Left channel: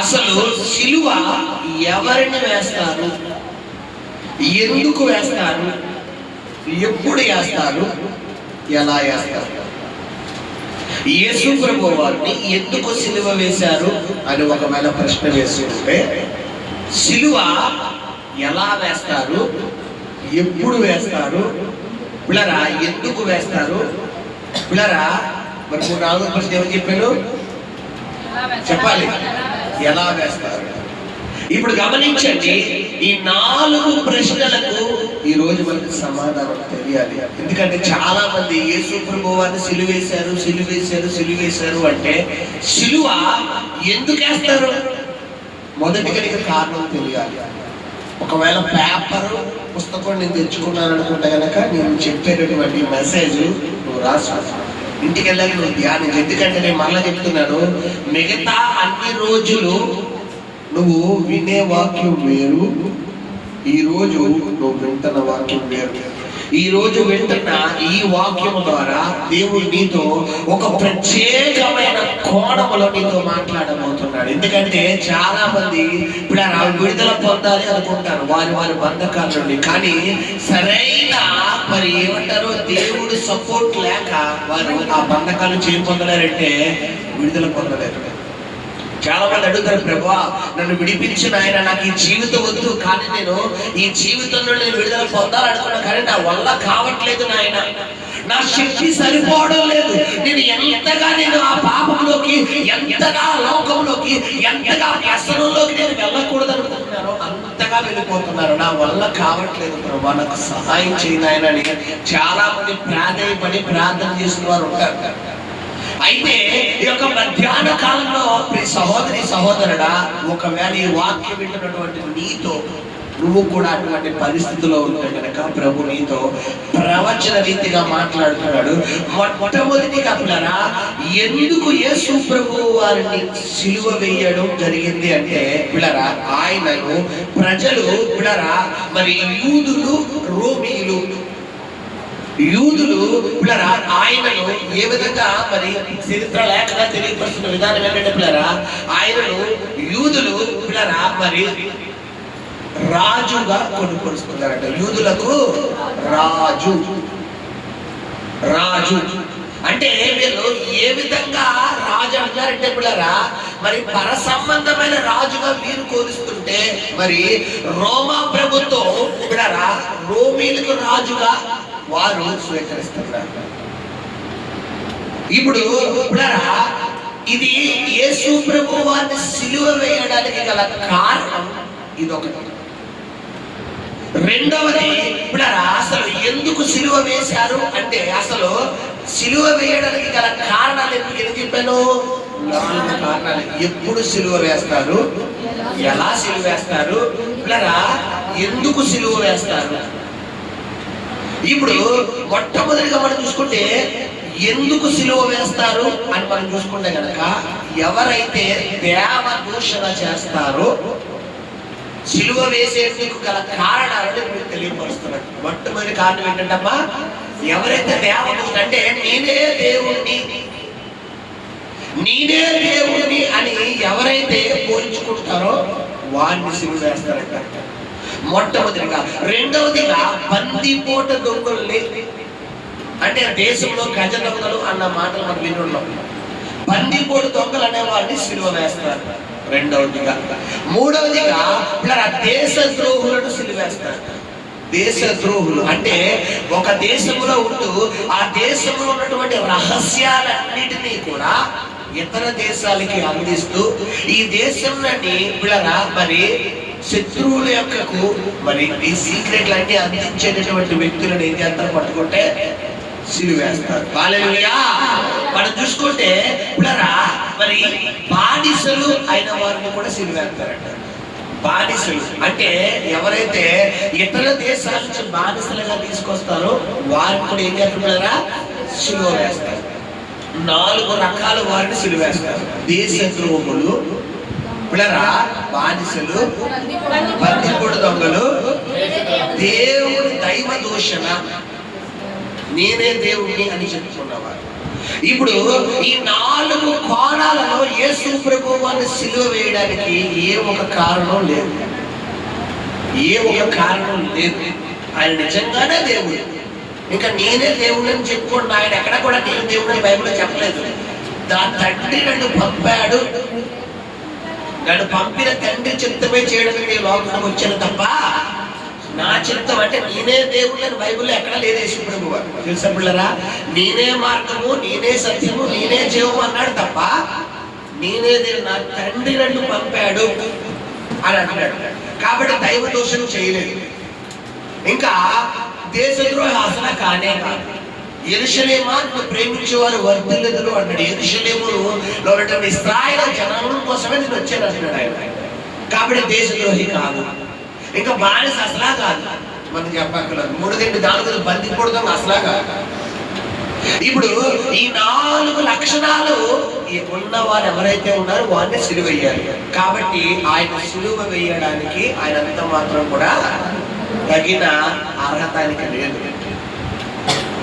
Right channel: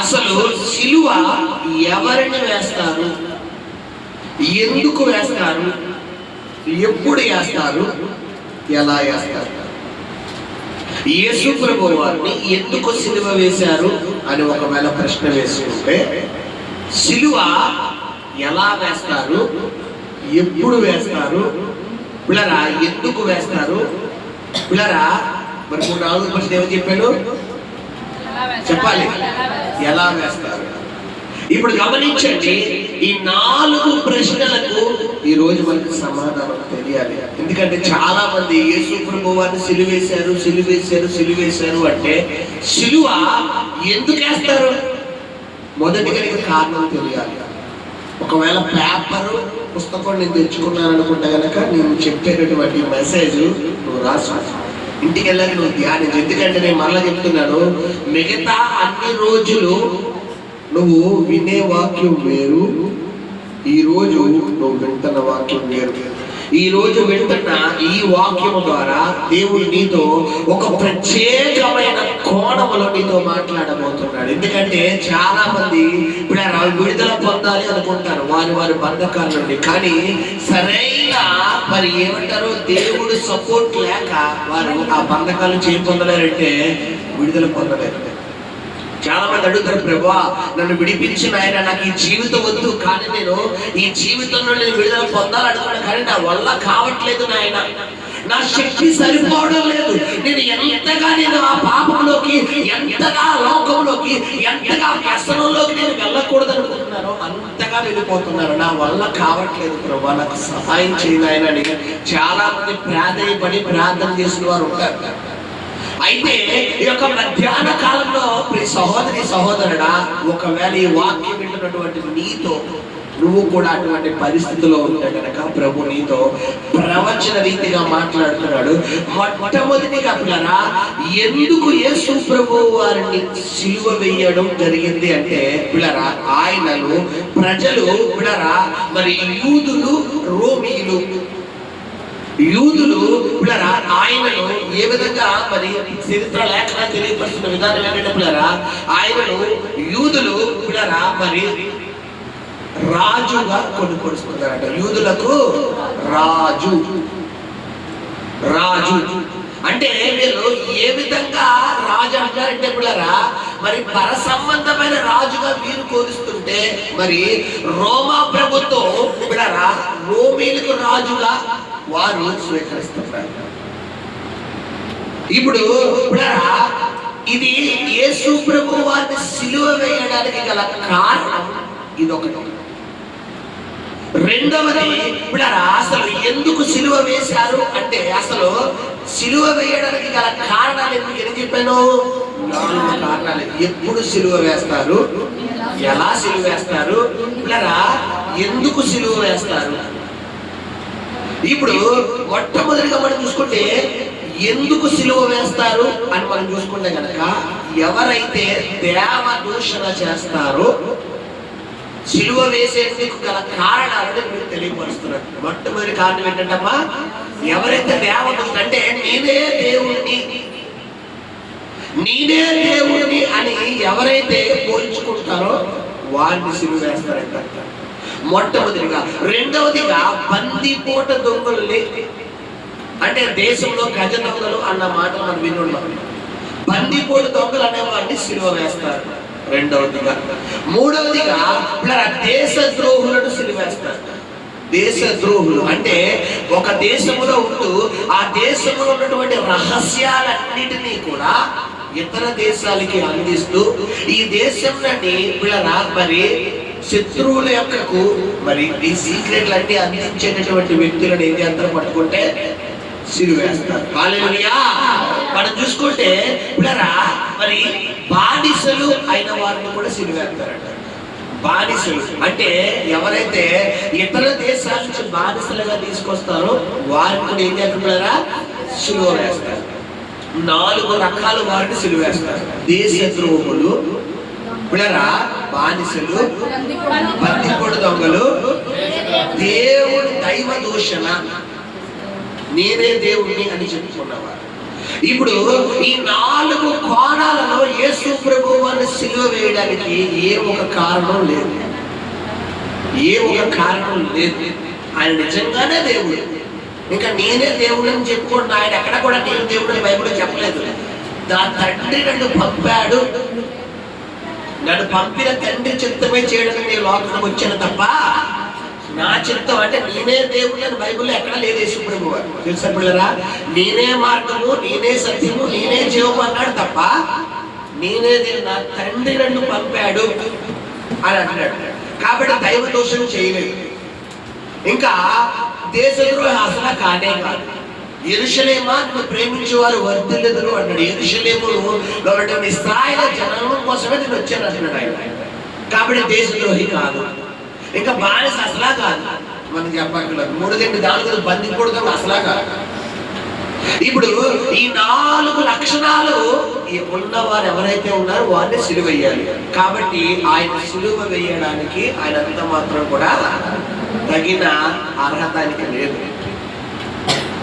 అసలు సిలువ ఎవరిని వేస్తారు, ఎందుకు వేస్తారు, ఎప్పుడు వేస్తారు, ఎలా వేస్తారు? యేసు ప్రభువు వారిని ఎందుకు సిలువ వేశారు అని ఒకవేళ ప్రశ్న వేసుకుంటే, సిలువ ఎలా వేస్తారు, ఎప్పుడు వేస్తారు, పిల్లరా ఎందుకు వేస్తారు? పిల్లరా మరి 3-4 ప్రశ్న ఏమని చెప్పాను చెప్పాలి, ఎలా వేస్తారు? ఇప్పుడు గమనించండి, ఈ 4 ప్రశ్నలకు ఈ రోజు మనకు సమాధానం తెలియాలి. ఎందుకంటే చాలా మంది యేసు ప్రభువు వారిని సిలువేశారు అంటే సిలువ ఎందుకు వేస్తారు? మొదటిగా కారణం తెలియాలి. ఒకవేళ పేపరు పుస్తకం నేను తెచ్చుకున్నాను అనుకుంటే కనుక నేను చెప్పేటటువంటి మెసేజ్ నువ్వు రాసు, ఇంటికి వెళ్ళాక నువ్వు ధ్యానం. ఎందుకంటే నేను మళ్ళీ చెప్తున్నాను, మిగతా అన్ని రోజులు నువ్వు వినే వాక్యం వేరు, ఈరోజు నువ్వు వింటున్న వాక్యం వేరు. ఈ రోజు వింటున్న ఈ వాక్యం ద్వారా దేవుడు నీతో ఒక ప్రత్యేకమైన కోణములో నీతో మాట్లాడబోతున్నాడు. ఎందుకంటే చాలా మంది ఇప్పుడు విడుదల పొందాలి అనుకుంటారు వారి బంధకాల నుండి, కానీ సరైన మరి ఏమంటారు దేవుడు సపోర్ట్ లేక వారు ఆ బంధకాలు పొందలేరంటే విడుదల పొందలేరు. చాలా మంది అడుగుతారు, ప్రభువా నన్ను విడిపించిన ఆయన, నాకు ఈ జీవితం వద్దు, కానీ నేను ఈ జీవితంలో నేను విడుదల పొందాలనుకున్నా, కానీ నా వల్ల కావట్లేదు నాయన, నా శక్తి సరిపోవడం లేదు, నేను ఆ పాపంలోకి, ఎంతగా లోకంలోకి, ఎంతగా వ్యసనంలోకి నేను వెళ్ళకూడదు అనుకుంటున్నారో అంతగా వెళ్ళిపోతున్నారు, నా వల్ల కావట్లేదు ప్రభువా నాకు సహాయం చేయనాయనని చాలా మంది ప్రార్థన చేసిన వారు ఉంటారు. అయితే ఈ యొక్క మధ్యాహ్న కాలంలో సహోదరుడా, ఒకవేళ ఈ వాక్యం వింటున్నటువంటి నీతో నువ్వు కూడా అటువంటి పరిస్థితిలో ఉంటే కనుక ప్రభు నీతో ప్రవచన రీతిగా మాట్లాడుతున్నాడు. మొట్టమొదటిగా పిల్లరా, ఎందుకు యేసు ప్రభు వారిని సిలువ వేయడం జరిగింది అంటే పిల్లరా, ఆయనను ప్రజలు పిల్లరా మరి యూదులు పిల్లరా ఆయనను ఏ విధంగా మరి చరిత్ర లేఖగా తెలియపరుస్తున్న విధానం ఏంటంటే పిల్లరా, ఆయనను యూదులు పిల్లరా మరి రాజుగా కొనుక్కొడుతున్నారట. యూదులకు రాజు అంటే వీళ్ళు ఏ విధంగా రాజు అంటారంటే పిల్లరా, మరి పర సంబంధమైన రాజుగా వీరు కోరుస్తుంటే, మరి రోమా ప్రభుత్వం పిల్లరా రోమీలకు రాజుగా వారు స్వీకరిస్తున్నారు. ఇప్పుడు ఇది యేసు ప్రభువు వారిని సిలువ వేయడానికి గల కారణం ఇదొకటి. రెండవది అసలు ఎందుకు సిలువ వేశారు అంటే, అసలు సిలువ వేయడానికి గల కారణాలు ఎందుకు చెప్పాను? 4 కారణాలు. ఎప్పుడు సిలువ వేస్తారు, ఎలా సిలువ వేస్తారు, ఎందుకు సిలువ వేస్తారు. ఇప్పుడు మొట్టమొదటిగా మనం చూసుకుంటే ఎందుకు సిలువ వేస్తారు అని మనం చూసుకుంటే కనుక, ఎవరైతే దేవ దూషణ చేస్తారో సిలువ వేసేందుకు గల కారణాలను మీకు తెలియపరుస్తున్నారు. మొట్టమొదటి కారణం ఏంటంటమ్మా, ఎవరైతే దేవ దూషణ అంటే నేనే దేవుడిని అని ఎవరైతే పోల్చుకుంటారో వారిని సిలువ వేస్తారంట మొట్టమొదటిగా. రెండవదిగా బందిపోట దొంగల్ని, అంటే దేశంలో గజ దొంగలు అన్న మాటలు మనం వినున్నాం. బందిపోట దొంగలు అనే వారిని సిలువ వేస్తారు రెండవదిగా. మూడవదిగా దేశ ద్రోహులను సిలువేస్తారు. దేశద్రోహులు అంటే ఒక దేశంలో ఉంటూ ఆ దేశంలో ఉన్నటువంటి రహస్యాలన్నిటినీ కూడా ఇతర దేశాలకి అందిస్తూ ఈ దేశం నుండి మరి శత్రువుల యొక్కకు మరి ఈ సీక్రెట్లు అన్ని అందించేటటువంటి వ్యక్తులను ఏం చేస్తారు, పట్టుకుంటే సిలువేస్తారు. హల్లెలూయా. మనం చూసుకుంటే మరి బానిసలు అయిన వారిని కూడా సిలువేస్తారంట. బానిసలు అంటే ఎవరైతే ఇతర దేశాల నుంచి బానిసలుగా తీసుకొస్తారో వారిని కూడా ఏం చేస్తున్నారా, సిలువ వేస్తారు. 4 రకాల వారిని సిలువేస్తారు. దేశద్రోహులు, బానిసలు, బందిపోటు దొంగలు, దేవుడి దైవ దూషణ, నేనే దేవుడిని అని చెప్పుకున్నవారు. ఇప్పుడు ఈ 4 కోణాలలో సిలువ వేయడానికి ఏ ఒక కారణం లేదు. ఆయన నిజంగానే దేవుడు. ఇంకా నేనే దేవుడు అని చెప్పుకోండి. ఆయన ఎక్కడ కూడా నేను దేవుడు అని బైబిల్లో చెప్పలేదు. దాని తండ్రి నన్ను పంపాడు, నన్ను పంపిన తండ్రి చిత్తమే చేయడానికి ఈ లోకానికి వచ్చాను తప్ప నా చిత్తం అంటే నేనే దేవుడు అని బైబిల్లో ఎక్కడ లేదు. యేసుప్రభువు వారు తెలుసా పిల్లరా, నేనే మార్గము, నేనే సత్యము, నేనే జీవము అన్నాడు తప్ప నేనే దేవుడు, నా తండ్రి నన్ను పంపాడు అని అంటున్నాడు. కాబట్టి దైవ దోషం చేయలేదు. ఇంకా దేశద్రోహి అసలు కానే కాదు. యెరూషలేమా నిన్ను ప్రేమించేవారు వర్ధిల్లుదురు అన్నాడు. యెరూషలేములో ఇశ్రాయేలు జనం కోసమే నేను వచ్చాను అంటున్నాడు ఆయన. కాబట్టి దేశద్రోహి కాదు. ఇంకా బానిస అసలా కాదు. మనం చెప్పక్కర్లేదు. 3 దిండి దాడులు బందిపోవడం అసలా కాదు. ఇప్పుడు ఈ 4 లక్షణాలు ఉన్నవారు ఎవరైతే ఉన్నారో వారిని సిలువ వేయాలి. కాబట్టి ఆయన సిలువ వేయడానికి ఆయన అంత మాత్రం కూడా తగిన అర్హత ఆయనకి లేదు.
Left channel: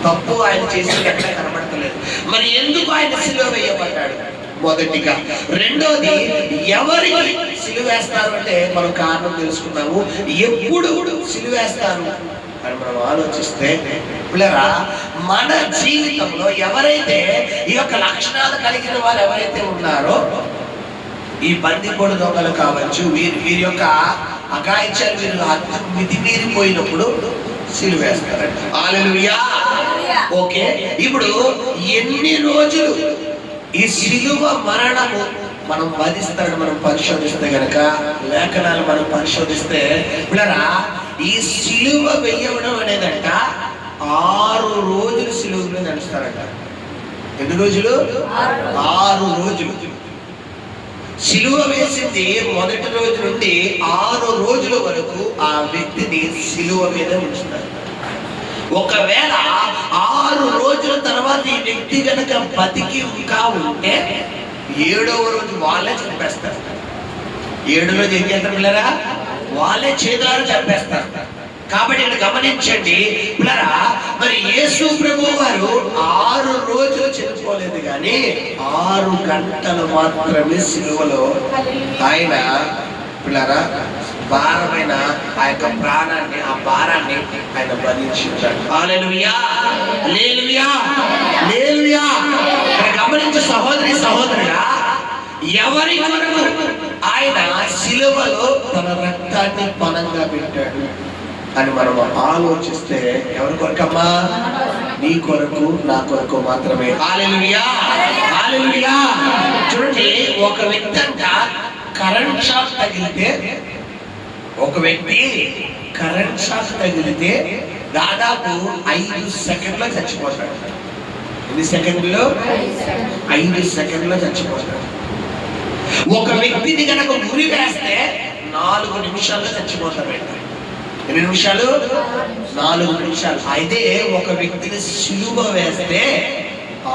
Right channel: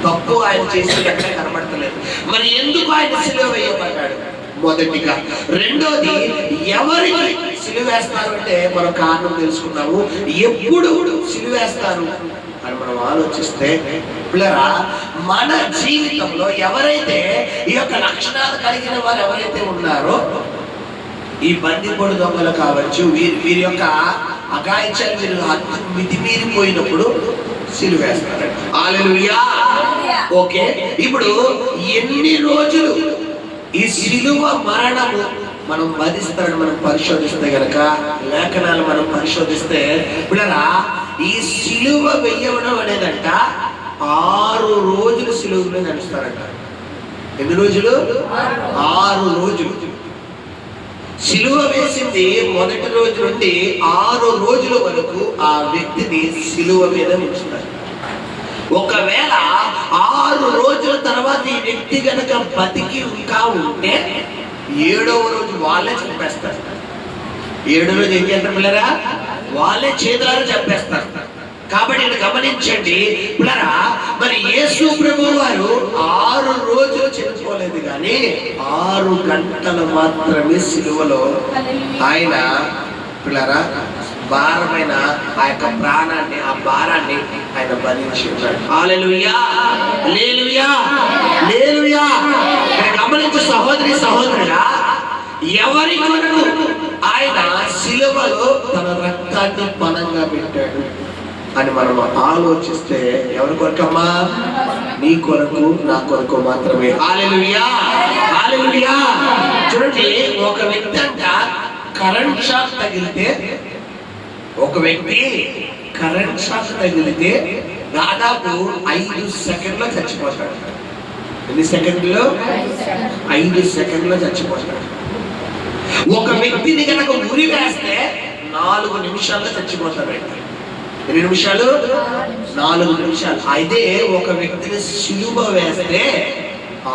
తప్పు ఆయన చేసేది ఎక్కడ కనబడతలేదు. మరి ఎందుకు ఆయన సిలువ వేయబడ్డాడు? మొదటిగా. రెండోది, ఎవరికి సిలువ వేస్తారు అంటే మనం కారణం తెలుసుకున్నాము. ఎప్పుడు సిలువ వేస్తారు అని మనం ఆలోచిస్తే పిల్లరా, మన జీవితంలో ఎవరైతే ఈ యొక్క లక్షణాలు కలిగిన వారు ఎవరైతే ఉన్నారో, ఈ బందిపోడు దొంగలు కావచ్చు, వీరి యొక్క అగాయిత్యాలు వీరు మితిమీరిపోయినప్పుడు సిలువ వేస్తారు. హల్లెలూయా. ఓకే, ఇప్పుడు ఎన్ని రోజులు ఈ సిలువ మరణము మనం వధిస్తాడు మనం పరిశోధిస్తే గనక, లేఖనాలు మనం పరిశోధిస్తే పిల్లరా, ఈ సిలువ వెయ్యడం అనేదంట 6 రోజులు సిలువలో నడుస్తారంట. ఎన్ని రోజులు? 6 రోజులు. సిలువ వేసింది మొదటి రోజు నుండి 6 రోజుల వరకు ఆ వ్యక్తిని సిలువ మీద ఉంచుతారు. ఒకవేళ 6 రోజుల తర్వాత ఈ వ్యక్తి కనుక బతికి ఇంకా ఉంటే 7వ రోజు వాళ్ళే చంపేస్తారు. 7వ రోజు ఏం చేస్తారు పిల్లరా? వాళ్ళే చేతులారా చంపేస్తారు. కాబట్టి ఇక్కడ గమనించండి పిల్లరా, మరి యేసు ప్రభువు వారు 6 రోజులు చనిపోలేదు కానీ 6 గంటలు మాత్రమే సిలువలో ఆయన పిల్లరా భారమైన ఆ యొక్క ప్రాణాన్ని, ఆ భారాన్ని ఆయన భరించాడు. హల్లెలూయా, హల్లెలూయా, హల్లెలూయా. గమనించు సహోదరి సహోదరుడా, ఎవరి కొరకు ఆయన సిలువలో తన రక్తాన్ని పణంగా పెట్టాడు అని మనం ఆలోచిస్తే ఎవరి కొరకమ్మా? నీ కొరకు, నా కొరకు మాత్రమే. హల్లెలూయా, హల్లెలూయా. చూడండి, ఒక వ్యక్తి అంట కరెంట్ షాక్ తగిలితే, ఒక వ్యక్తి కరెంట్ షాక్ తగిలితే దాదాపు 5 సెకండ్లో చచ్చిపోతాడు. ఎన్ని సెకండ్లు? 5 సెకండ్లో చచ్చిపోతాడు. ఒక వ్యక్తిని కనుక ఉరి వేస్తే 4 నిమిషాల్లో చచ్చిపోతాడు. ఎన్ని నిమిషాలు? 4 నిమిషాలు. అయితే ఒక వ్యక్తిని సిలువ వేస్తే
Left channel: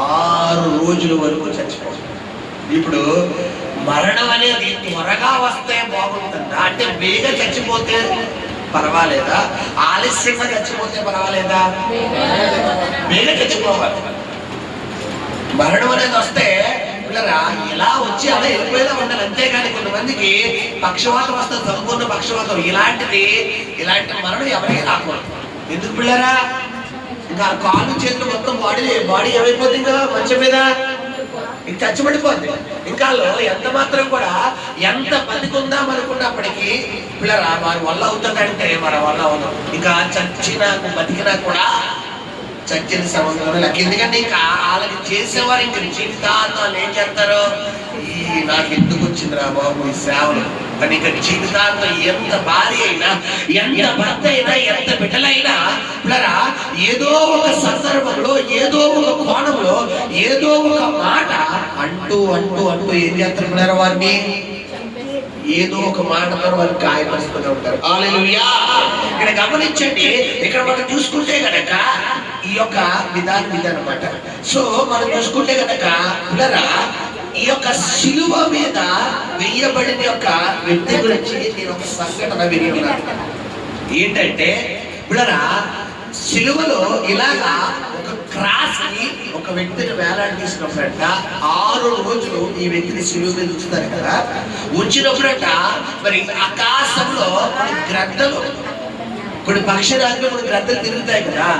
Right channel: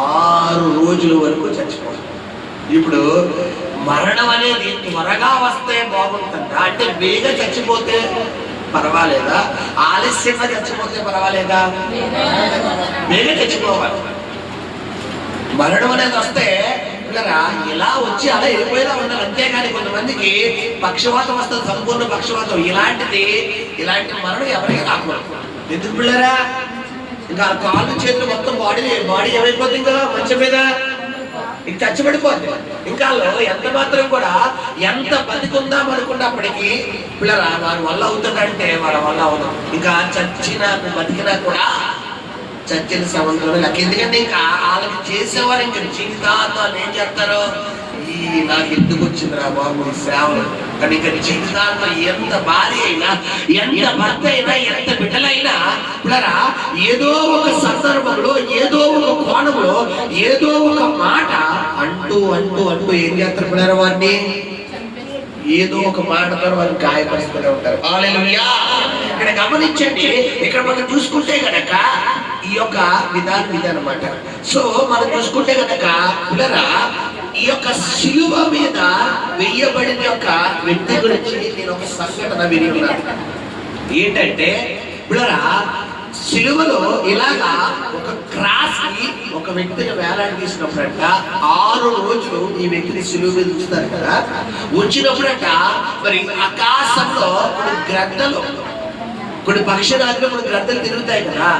6 రోజుల వరకు చచ్చిపోతాడు. ఇప్పుడు మరణం అనేది త్వరగా వస్తే బాగుంటుందా? అంటే వేగంగా చచ్చిపోతే పర్వాలేదా? ఆలస్యంగా చచ్చిపోతే పర్వాలేదా? వేగంగా చచ్చిపోవాలి. మరణం అనేది వస్తే ఇలా వచ్చి అలా వెళ్ళిపోయేలా ఉండాలి. అంతేగాని కొంతమందికి పక్షవాతం వస్తుంది, సంపూర్ణ పక్షవాతం. ఇలాంటి మరణం ఎవరికి రాకూడదు. ఎందుకు పిల్లరా? ఇంకా కాళ్ళు చేతులు మొత్తం బాడీ ఏమైపోతుంది? ఇంకా మంచం మీద ఇంక చచ్చిపడిపోద్ది. ఇంకా ఎంత మాత్రం కూడా ఎంత బతికుందాం అనుకున్నప్పటికీ పిల్లరా వారి వల్ల అవుతుందంటే మన వల్ల అవుతాం. ఇంకా చచ్చినా బతికినా కూడా చచ్చిన సంబంధం లెక్క. ఎందుకంటే ఇంకా వాళ్ళకి చేసేవారు ఇంక జీవితాంతం ఏం చేస్తారు? నాకు ఎందుకు వచ్చిందిరా బాబు ఈ సేవలు అని ఇక జీవితాంతం ఎంత భార్య అయినా, ఎంత భర్త అయినా, ఎంత బిడ్డలైనా పిల్లరా ఏదో ఒక సందర్భంలో, ఏదో ఒక కోణంలో, ఏదో ఒక మాట అంటూ అంటూ అంటూ ఏం చేస్తారు పిల్లరా? వారిని ఏదో ఒక మాటతో వారిని గాయపరుస్తూ ఉంటారు. హల్లెలూయా. ఇక్కడ గమనించండి, ఇక్కడ మనం చూసుకుంటే గనక ఈ యొక్క విధానం ఇదన్నమాట. సో మనం చూసుకుంటే గనక పిల్లరా ఈ యొక్క సిలువ మీద వెయ్యబడిన యొక్క వ్యక్తి గురించి నేను ఒక సంఘటన విని ఉన్నాను. ఏంటంటే పిల్లరా సిలువలో ఇలాగా ఒక క్రాస్ కి ఒక వ్యక్తిని వేలాడదీసినప్పుడంట 6 రోజులు ఈ వ్యక్తిని సిలువ మీద ఉంచుతారు కదా. ఉంచినప్పుడంట మరి ఆకాశంలో కొన్ని గ్రద్దలు, కొన్ని పక్షిరాజులు, కొన్ని గ్రద్దలు తిరుగుతాయి కదా.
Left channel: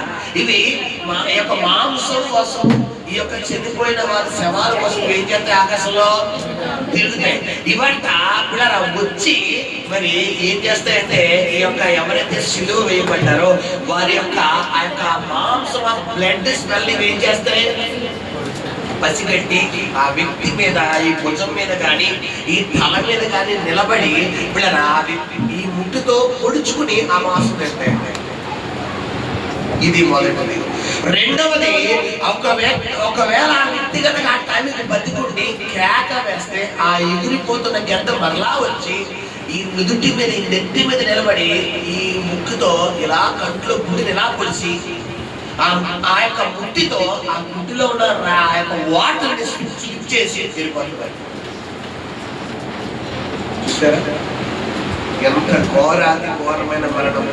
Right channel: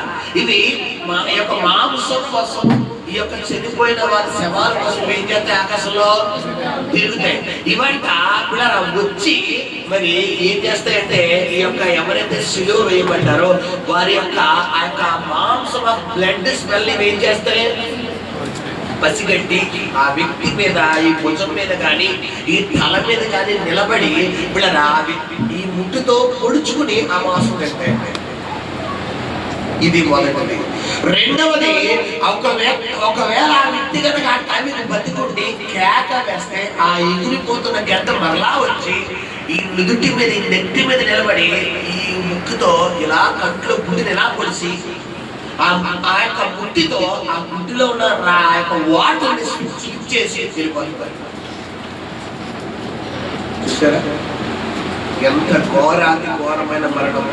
ఇవి మా యొక్క మాంసం కోసం, ఈ యొక్క చనిపోయిన వారి శవాల కోసం ఏం చేస్తాయి? ఆకాశంలో తిరుగుతాయి. ఇవంట ఇలా వచ్చి మరి ఏం చేస్తాయంటే ఈ యొక్క ఎవరైతే సిలువ వేయబడ్డారో వారి యొక్క ఆ యొక్క మాంసం, బ్లడ్ స్మెల్ ఏం చేస్తాయి? పసిగట్టి ఆ వ్యక్తి మీద, ఈ భుజం మీద కానీ, ఈ తల మీద కానీ నిలబడి ఇలా ఈ ముట్టుతో పొడుచుకుని ఆ మాంసం వేస్తాయండి. ఇది మొదటిది. రెండవది, ఒకవేళ ఆ వ్యక్తి కనుక ఆ టైంకి బతికుండి కేక వేస్తే ఆ ఎగిరిపోతున్న గడ్డ మరలా వచ్చి ఈ నుదుటి మీద, ఈ నెత్తి మీద నిలబడి ఈ ముక్కుతో ఇలా కంట్లో గుడ్డిని ఇలా పొలిసి ఆ యొక్క ముట్టితో ఆ గుడ్డిలో ఉన్న ఆ యొక్క వాటర్ని స్లిప్ చేసి వెళ్ళిపోతుంది. చూసారా ఎంత ఘోరమైన మరణము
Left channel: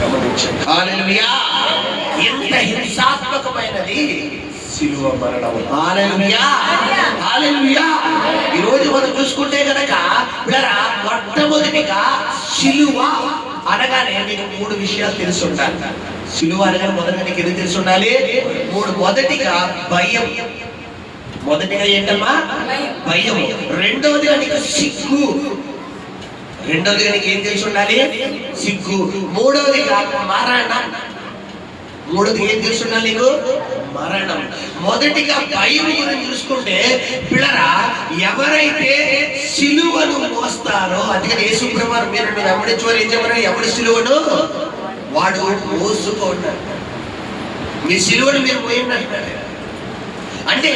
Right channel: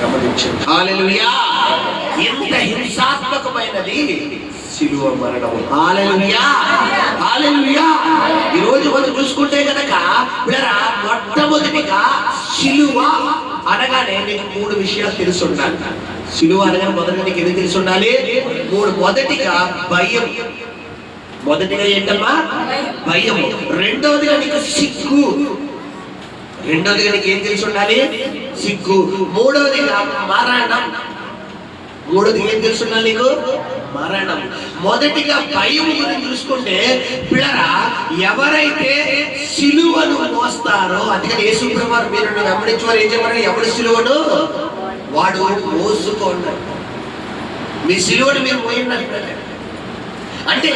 గమనించండి. హల్లెలూయా! ఎంత హింసాత్మకమైనది సిలువ మరణము. హల్లెలూయా! హల్లెలూయా! ఈ రోజు మనం చూసుకుంటే కనుక మొట్టమొదటిగా సిలువ అనగానే నీకు 3 విషయాలు తెలిసి ఉండాలి. సిలువ అనగానే మొదటిగా నీకు ఎన్ని తెలిసి ఉండాలి? 3. మొదటిగా భయం. మొదటిగా ఏంటమ్మా? భయం. రెండవదిగా నీకు సిగ్గు. రెండవదిగా నీకు ఏం తెలిసి ఉండాలి? సిగ్గు. మూడవదిగా మరణం. మూడవదిగా ఏం తెలిసి ఉండాలి నీకు? మరణం. మొదటిగా భయం గురించి చూసుకుంటే పిల్లరా, ఎవరైతే సిలువను మోస్తారో, అందుకని యేసు ప్రభువు మీరు వెంబడించేవారు ఏం చెప్పారు? ఎవరి సిలువను వాడు మోసుకోండి. మీ సిలువను మీరు మోయండి అంటే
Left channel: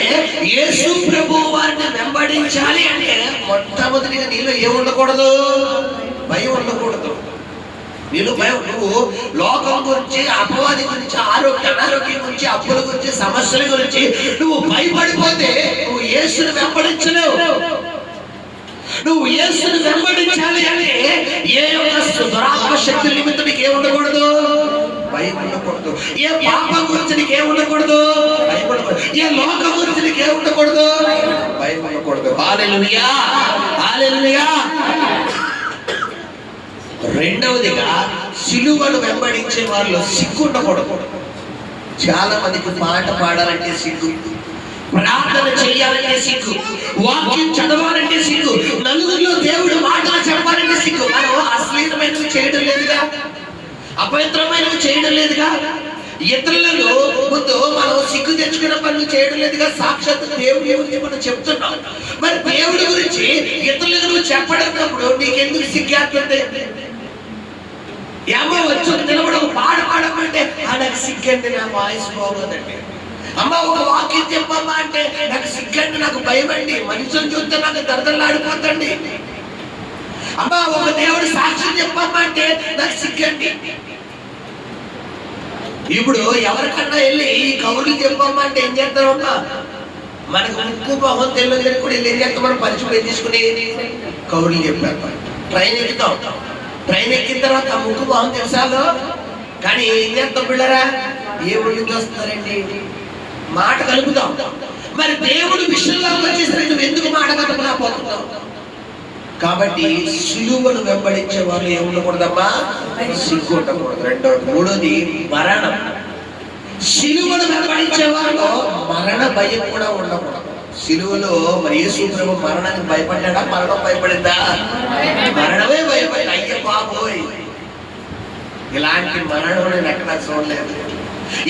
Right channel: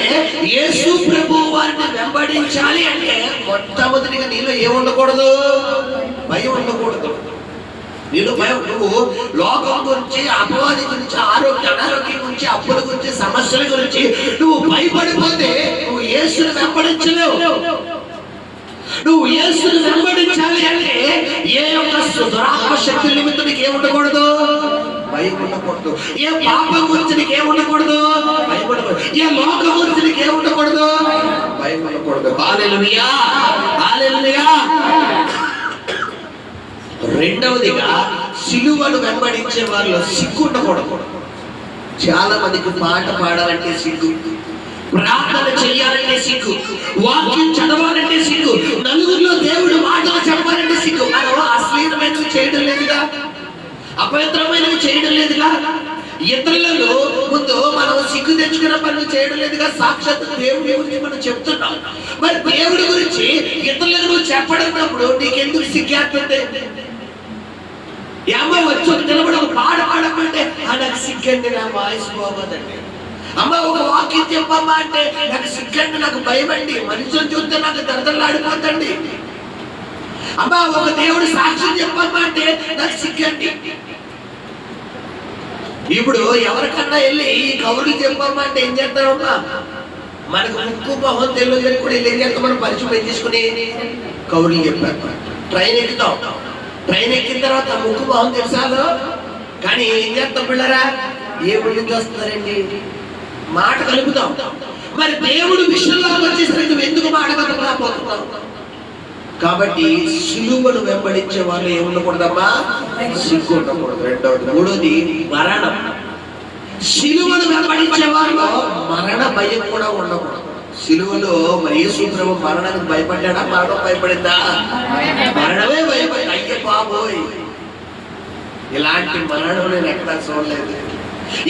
యేసు ప్రభువు వారిని వెంబడించాలి అంటే మొట్టమొదటిగా నీలో ఏముండకూడదు? భయం ఉండకూడదు. నీలో భయం. నువ్వు లోకం గురించి, అపవాది గురించి, అనారోగ్యం గురించి, అప్పుల గురించి, సమస్యల గురించి నువ్వు భయపడిపోతే నువ్వు యేసుని వెంబడించలేవు. నువ్వు యేసుని వెంబడించాలి అంటే ఏ యొక్క దురాత్మ శక్తి నిమిత్తం నీకు ఏముండకూడదు? భయం ఉండకూడదు. ఏ పాపం గురించి నీకు ఏముండకూడదు? భయం ఉండకూడదు. ఏ లోకం గురించి నీకు ఏముండకూడదు? భయం ఉండకూడదు. హల్లెలూయా! హల్లెలూయా! రెండవదిగా సిలువను వెంబడించే వారిలో సిగ్గు ఉండకూడదు. చాలా మందికి పాట పాడాలంటే సిగ్గు, ప్రార్థన చేయాలంటే సిగ్గు, వాక్యం చదవాలంటే సిగ్గు, నలుగురిలో దేవుడు మాటలు చెప్పాలంటే సిగ్గు. మనం అశ్లీలమైనవి చేయడం లేదుగా, అపవిత్రమైనవి చేయడం లేదుగా, ఇతరులలో ముందు మనం సిగ్గు తెచ్చుకున్న పనులు చేయడం లేదుగా. సాక్షాత్ దేవుడి గురించి మనం చెప్తున్నాం. మరి దేవుడి గురించి ఇతరులకు నువ్వు చెప్పడన్నప్పుడు నీకెందుకు సిగ్గేస్తుంది? ఏమో వచ్చి నిలబడి ఒక పాట పాడమంటే నాకు సిగ్గండి, నా వాయిస్ బాగోదండి. అమ్మ ఒక వాక్యం చెప్పమ్మా అంటే నాకు సిగ్గండి, నాకు భయం అండి, మనుషులు చూస్తే నాకు దరదలాడిపోతండి. అమ్మ ఒక దేవుడు సాక్ష్యం చెప్పమ్మా అంటే నాకు సిగ్గండి. ఇప్పుడు ఎవరికన్నా వెళ్ళి ఈ కబుర్లు చెప్పమ్మా అంటే ఏం చేస్తారమ్మా? మనకు ముక్కు మొహం తెలియదు కూడా వీళ్ళు ఏం చేస్తాం? మనం పరిచయం పెంచేసుకుని కబుర్లు చెప్పారు. ట్రైన్ ఎక్కుతాం. ట్రైన్ ఎక్కిన తర్వాత ముక్కు మొహం తెలుసాలు, కానీ ఏం చేస్తాం పిల్లరా? ఏ ఊళ్ళో వస్తున్నారండి? మాట కలుపుతాం. మరి దేవుడు విషయంలో వచ్చేసరికి నువ్వు ఎందుకు మాట కలుపుకోకపోతున్నావు? కాబట్టి సిలువను వెంబడించే వాళ్ళు ఏముండకూడదమ్మా? సిగ్గు ఉండకూడదు. రెండవది. మూడోది మరణం. సిలువను వెంబడించే వాళ్ళు మరణ భయం కూడా ఉండకూడదు. సిలువలో మరి యేసు ప్రభు మరణానికి భయపడ్డా? మరణం భయపడిందా? మరణమే భయపడింది. అయ్య బాబోయ్, ఇలాంటి మరణం నేను ఎక్కడా చూడలేదు,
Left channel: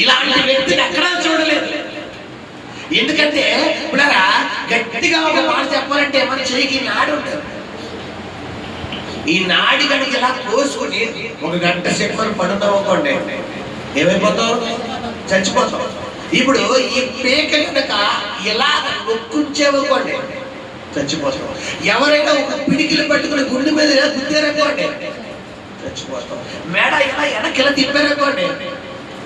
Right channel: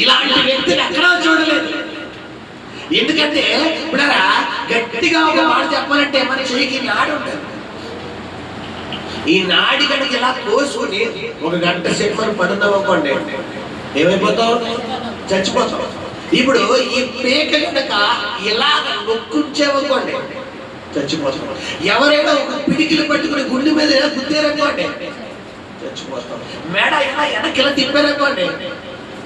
ఇలాంటి వ్యక్తిని ఎక్కడా చూడలేదు. ఎందుకంటే పిల్లరా, గట్టిగా ఒక మాట చెప్పాలంటే మన చేయికి నాడు ఉంటుంది. ఈ నాడి కనుక ఇలా కోసుకుని 1 గంట సేపు మనం పడున్నాం అనుకోండి, ఏమైపోతావు? చచ్చిపోతాం. ఇప్పుడు ఈ పేక కనుక ఇలా నొక్కుంచేవనుకోండి, చచ్చిపోతాం. ఎవరైనా ఒక పిడికిలు పట్టుకుని గుండె మీద గుద్దారనుకోండి, చచ్చిపోతాం. మెడ ఇలా వెనక్కి ఇలా తిప్పారనుకోండి,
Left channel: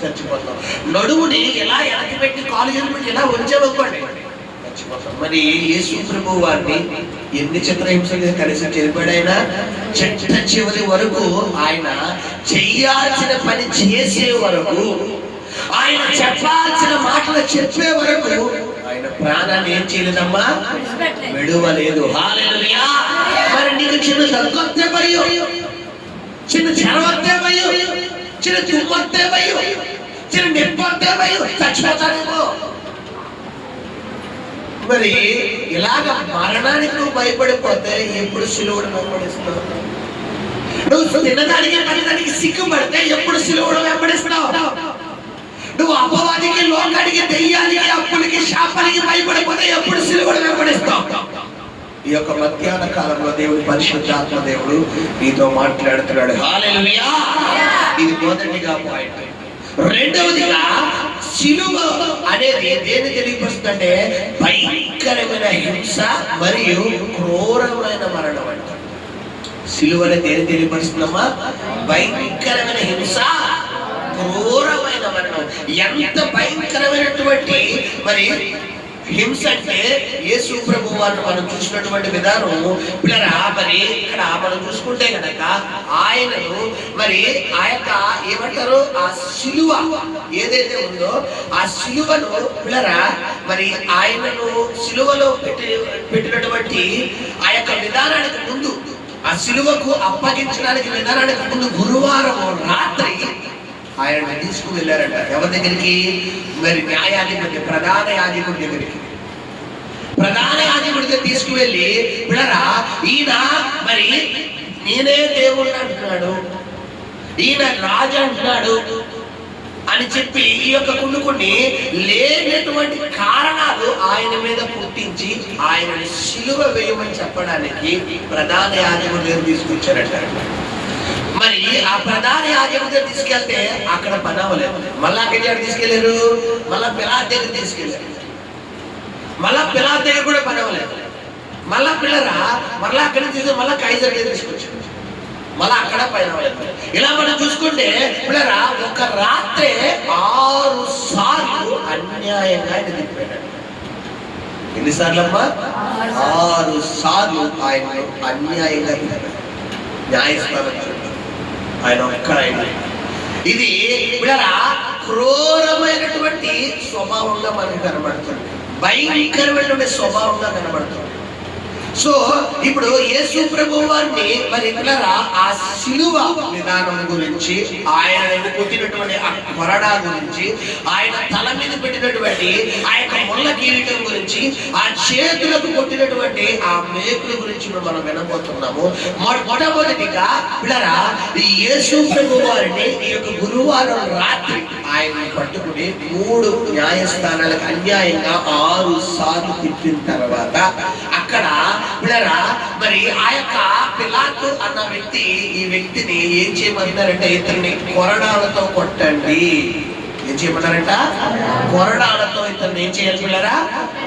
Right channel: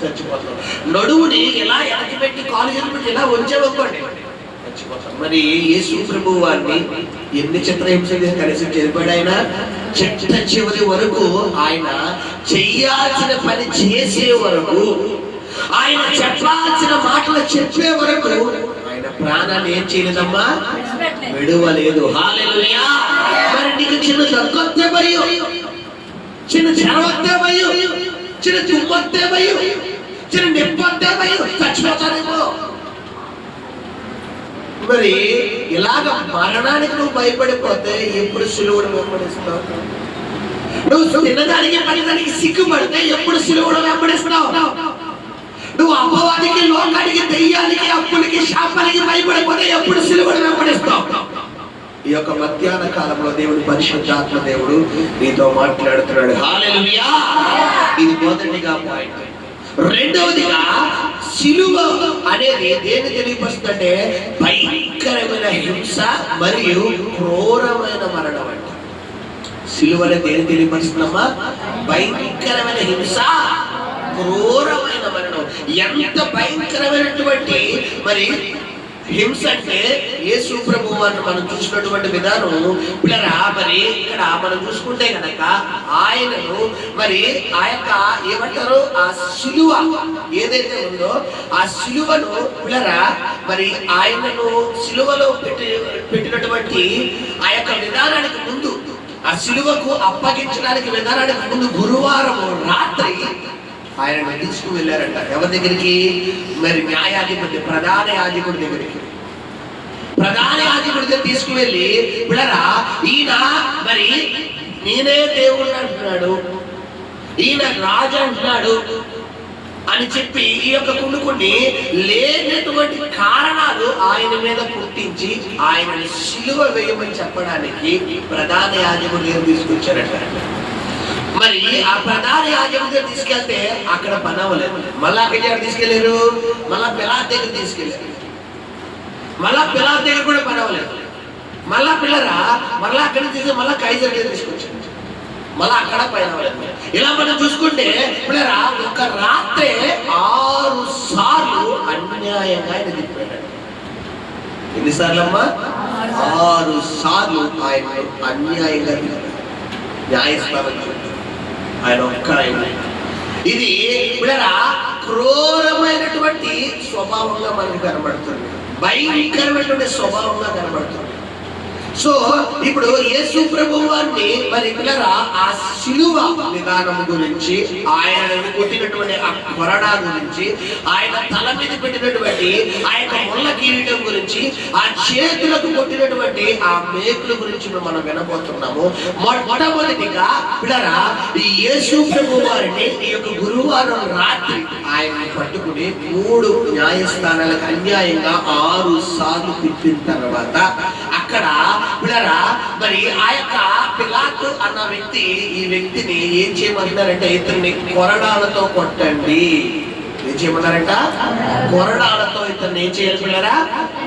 చచ్చిపోతాం. నడువుని ఇలా వెనక్కి పెట్టి కాలు చేసి ఇలా ఉంచేవనుకోండి, చచ్చిపోతాం. మరి యేసు ప్రభువు వారిని ఎన్ని చిత్రహింసలు కలిసి చనిపోయాడు. ఆయన చిట్ట చివరి వరకు ఆయన చెయ్యాల్సిన పని చేసే వరకు ఆయన చెప్పాల్సిన మాటలు చెప్పే వరకు ఆయన ప్రాణాన్ని ఏం చేయలేదమ్మా, విడువలేదు. హల్లెలూయా. మరి నీకు చిన్న దగ్గొస్తే భయం, చిన్న జ్వరం వస్తే భయం, చిన్న తుమ్మొస్తే భయం, చిన్న నొప్పి వస్తే భయం, చచ్చిపోతానేమో. మరి ఇలాగ మరణానికి నువ్వు భయపడిపోతే ఎప్పుడు సిలువను వెంబడిస్తావు? నువ్వు తినడానికి పడడానికి సిగ్గుపడితే ఎప్పుడు సిలువను వెంబడిస్తావు? నువ్వు అపవాదికి, లోకానికి, దెయ్యానికి, అప్పులకి, శాపానికి భయపడిపోతే ఎప్పుడు సిలువను వెంబడిస్తావు? ఈ యొక్క మధ్యాహ్న కాలంలో దేవుడి పరిశుద్ధాత్మ దేవుడు నీతో మాట్లాడుతున్నాడు. హల్లెలూయా. ఇది మొదటిగా పాయింట్. రెండవదిగా సిలువ అనేది దేని తెలియపరుస్తుందంటే భయంకరమైన హింస మరియు క్రూరమైన మరణం అంట. సిలువని దేని తెలియపరుస్తుందమ్మా? భయంకరమైన హింస, క్రూరమైన మరణం. ఎంత భయంకరమైనటువంటి మరి హింస అంటే యేసు ప్రభువు వారిని మనం చూసినటువంటి విధానం పిల్లరా. మరి ఇక్కడ మనం చూసుకుంటే కనుక ఆయనను మరి ఆ యొక్క ఏమంటారు, ఆ సిలువ ఏదైతే ఉందో ఆ సిలువను పిల్లరా మరి ఆయనను సిలువలో పెట్టినటువంటి ఆ యొక్క విధానానికి ముందు, ఆ సిలువకు అప్పగించడానికి విధానానికి ముందు గురువారం రాత్రి ఆయన తీసుకువెళ్ళారంట. ఎవరి దగ్గరికి? మరి న్యాయాధిపతి, ప్రధాన యాజకుడి దగ్గరికి. ప్రధాన యాజకుడి దగ్గర తీసుకువెళ్ళి పిల్లరా ఈయన మరి నేనే దేవుడు అంటున్నాడు, ఈయన రాజు అంటున్నాడు అని చెప్పి ఈ యొక్క కొన్ని లేనటువంటి కారణాలు ఆయన మీద పుట్టించి ఆయనని సిలువ వేయమని చెప్పడానికి ప్రధాన యాజకుడి దగ్గర తీసుకొచ్చారట. మరి ఆ ప్రధాన యాజకుడి దగ్గర తీసుకెళ్తే అక్కడ పని అవ్వలేదు. మళ్ళా అక్కడ తీసుకెళ్లారు, మళ్ళా పిలాతు దగ్గర తీసుకెళ్లారు. మళ్ళా పిలాతు దగ్గర కూడా పని అవ్వలేదు. మళ్ళా పిల్లరా మళ్ళా అక్కడ తీసుకెళ్ళి మళ్ళా కైజర్ దగ్గర తీసుకొచ్చారు. మళ్ళా అక్కడ పని అవ్వలేదు. ఇలా మనం చూసుకుంటే పిల్లరా ఒక రాత్రే 6 సార్లు అన్యాయంగా ఆయన తిప్పాడు. ఎన్నిసార్లు అమ్మా? 6 సార్లు ఆయన అన్యాయంగా తిప్పాడు. న్యాయస్థానం ఆయన ఒక్క ఆయన. ఇది పిల్లరా క్రూరమైనటువంటి స్వభావంగా మనకు కనబడుతుంది, భయంకరమైనటువంటి స్వభావంగా కనబడుతుంది. సో ఇప్పుడు యేసు ప్రభువు వారిని మరి పిల్లరా ఆ సిలువ విధానం గురించి, ఆయన కొట్టినటువంటి ఆ కొరడా గురించి, ఆయన తల మీద పెట్టినటువంటి ఆ యొక్క ముళ్ళ కిరీటం గురించి, ఆ చేతులకు కొట్టినటువంటి ఆ మేకుల గురించి మనం వినబోతున్నాము. మొట్టమొదటిగా పిల్లరా ఈ యేసు ప్రభువు వారిని ఈ యొక్క గురువారం రాత్రి ఆయన్ని పట్టుకుని 3 న్యాయస్థానాలకు అన్యాయంగా 6 సార్లు తిప్పిన తర్వాత అక్కడ పిల్లరా మరి ఆ యొక్క పిలాతు అన్న వ్యక్తి ఈ వ్యక్తిని ఏం చేయమన్నారంటే ఇతన్ని కొరడాలతో కొట్టండి. ఏం చేయమన్నారంట? కొరడాలతో ఇతన్ని ఏం చేయాలి పిల్లరా?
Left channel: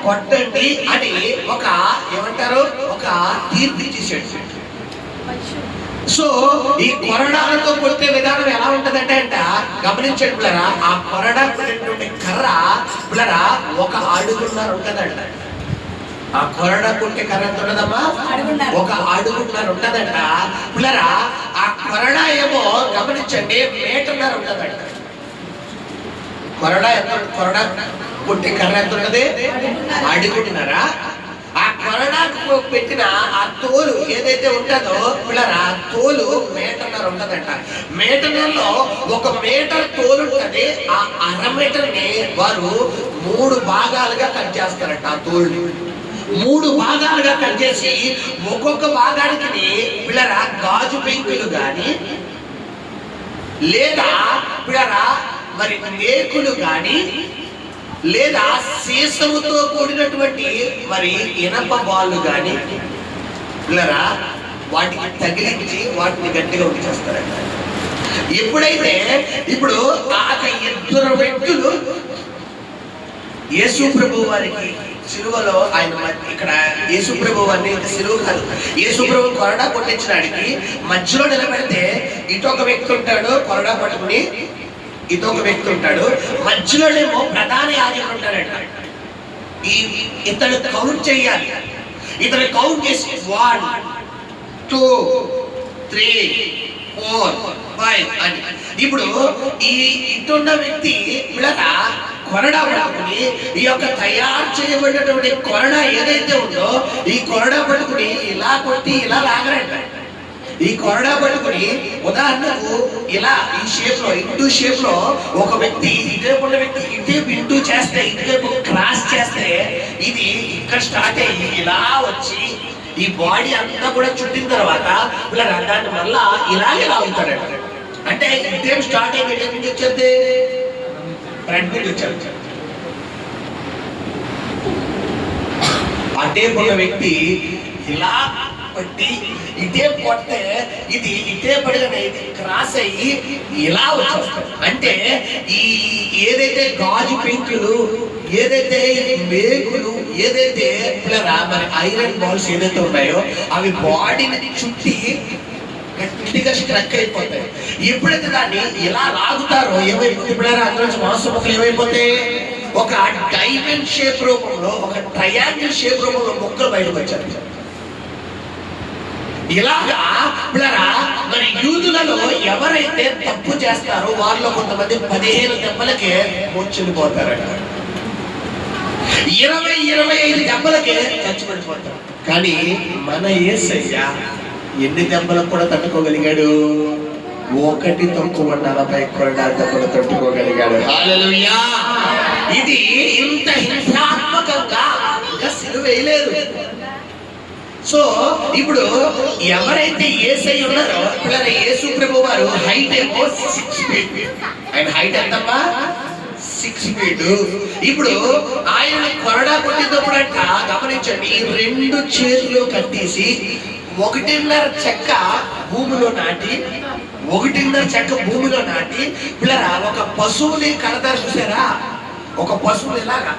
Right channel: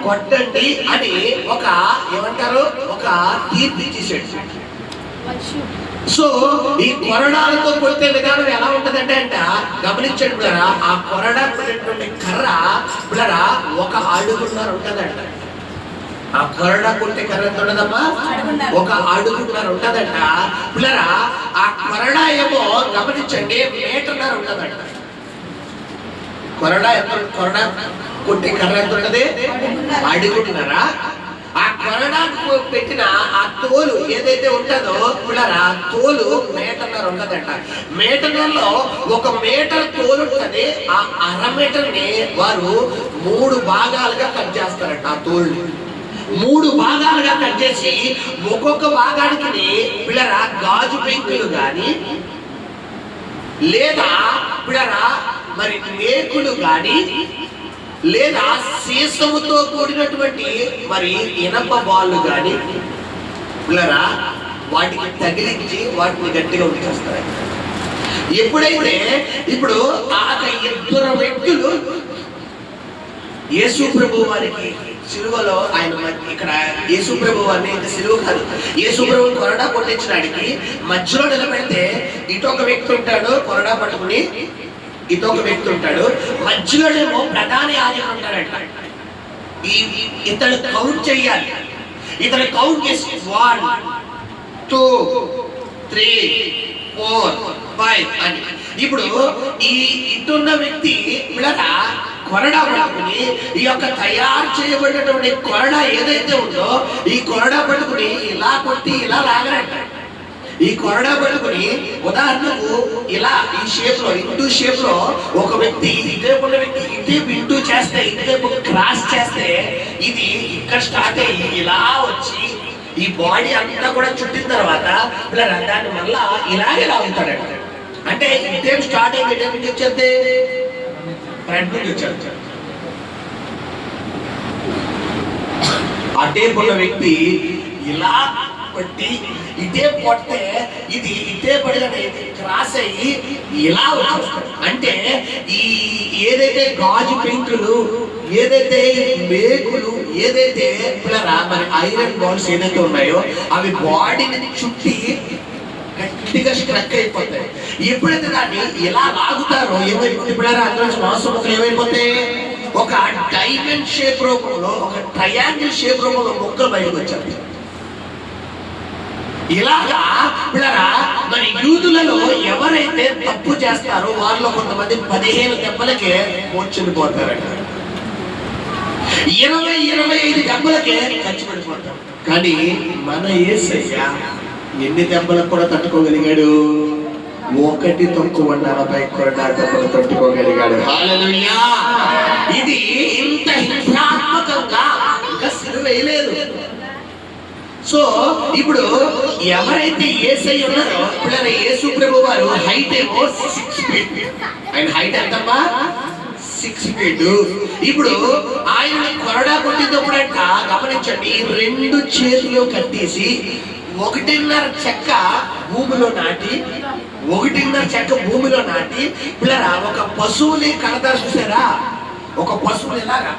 కొట్టండి అని ఒక ఏమంటారు ఒక తీర్పు ఇచ్చేసాడు. సో ఈ కొరడాలతో కొట్టే విధానం ఎలా ఉంటదంటే గమనించండి పిల్లరా, ఆ కొరడా కొట్టేటువంటి కర్ర పిల్లరా 1 అడుగున్నర ఉంటదంట. ఆ కొరడా కొట్టే కర్ర ఎంత ఉండదమ్మా? 1 అడుగున్నర ఉంటదంట పిల్లరా. ఆ కొరడా ఏమో గమనించండి 1.5 మీటర్ ఉంటదంట. కొరడా కొట్టే కర్ర ఎంత ఉంటది? 1 అడుగున్నర. ఆ కొరడాకు పెట్టిన ఆ తోలు ఏదైతే ఉంటుందో పిల్లరా తోలు 1.5 మీటర్ ఉంటదంట. మీటర్లో 1 మీటర్ తోలు ఉంటది. ఆ 1/2 మీటర్ని వారు 3 భాగాలుగా కట్ చేస్తారంట. ఆ తోలుని 3 భాగాలుగా కట్ చేసి ఒక్కొక్క భాగానికి పిల్లరా గాజు పెంకులు గాని లేదా పిల్లరా మరి మేకులు గాని లేదా సీసముతో కూడినటువంటి మరి ఇనప బాళ్ళు గాని పిల్లరా వాటికి తగిలించి వాటిని గట్టిగా ఉంచేస్తారంట. ఎప్పుడైతే ఇప్పుడు ఆ 2 వ్యక్తులు యేసు ప్రభువు వారికి సిలువలో ఆయన ఇక్కడ యేసు ప్రభువు వారిని సిలువ కాదు, యేసు ప్రభువు కొరడా కొట్టించడానికి మధ్యలో నిలబెడితే ఇటొక వ్యక్తి ఉంటాడు కొరడా పట్టుకుని, ఇటొక వ్యక్తి ఉంటాడు, మధ్యలోనేమో ప్రధాన యాజకుడు ఉంటాడంట. ఇతను కౌంట్ చేయాలి. ఇతను కౌంట్ చేసి 1 2 3 4 ఫైన్ అని. ఇప్పుడు ఈ ఇటున్న వ్యక్తి పిల్లగా కొరడా పట్టుకుని ఈ యొక్క తయారు చేయబడినటువంటి కొరడా ఏదైతే ఉందో ఈ కొరడా పట్టుకుని ఇలా కొట్టి ఇలా లాగరంట. ఈ కొరడా పట్టుకుని ఉదాహరణకు ఇలా ఈ షేప్ లో ఇంటూ షేప్ లో ఒక వ్యక్తి ఇటువైపు ఉన్న వ్యక్తి ఇటువైపు ఇంటూ చేస్తే ఇటువైపు క్రాస్ చేస్తే ఇది ఇక్కడ స్టార్ట్ అయ్యి ఇలా వచ్చి ఈ బాడీ అంతా కూడా చుట్టిన తర్వాత ఇలా దాన్ని మళ్ళా ఇలాగే లాగుతాడంట. అంటే ఇటేం స్టార్ట్ అయ్యి ఇటేపు నుంచి వచ్చేది ఫ్రంట్ నుంచి వచ్చాడు. అటే ఉన్న వ్యక్తి ఇలా పట్టి ఇటే కొట్టే ఇది ఇటే పడిన క్రాస్ అయ్యి ఇలా వచ్చేస్తాడు. అంటే ఈ ఏదైతే గాజు పెంకులు ఏదైతే మేకులు ఏదైతే మరి ఐరన్ బాల్స్ ఏదైతే ఉన్నాయో అవి బాడీని చుట్టి గట్టిగా స్ట్రక్ అయిపోతాయి. ఎప్పుడైతే దాన్ని ఇలా లాగుతారో ఏమైపోతుంది పిల్లరా అందులో మాంసం ముక్కలు ఏమైపోతాయి ఒక డైమండ్ షేప్ రూపంలో ఒక ట్రయాంగిల్ షేప్ రూపంలో ముక్కలు బయటకు వచ్చాయి. ఇలాగా పిల్లరా మరి యూదులలో ఎవరైతే తప్పు చేస్తారో వాళ్ళలో కొంతమంది 15 దెబ్బలకే చనిపోతారట, 20-25 దెబ్బలకే చచ్చిపడిపోతారు. కానీ మన యేసయ్య ఎన్ని దెబ్బలకు కూడా తట్టుకోగలిగాడు? 1-40 కొరడా దెబ్బలు తట్టుకోగలిగాడు. హల్లెలూయా! ఇది ఇంత హింసాత్మకంగా ఇంకా సిలువ వేయలేదు. సో ఇప్పుడు ఎవరైతే యేసయ్య ఉన్నారో పిల్లలు యేసు ప్రభు వారు హైట్ ఏమో 6 feet. ఆయన హైట్ ఎంతమ్మా? 6 feet. ఇప్పుడు ఆయన కొరడా కొట్టినప్పుడంట గమనించండి 2 చేతులు కట్టేసి 1.5 చెక్క భూమిలో నాటి 1.5 చెక్క భూమిలో నాటి పిల్లరా ఒక పశువుని కడతారు చూసారా? ఒక పశువుని ఇలాగా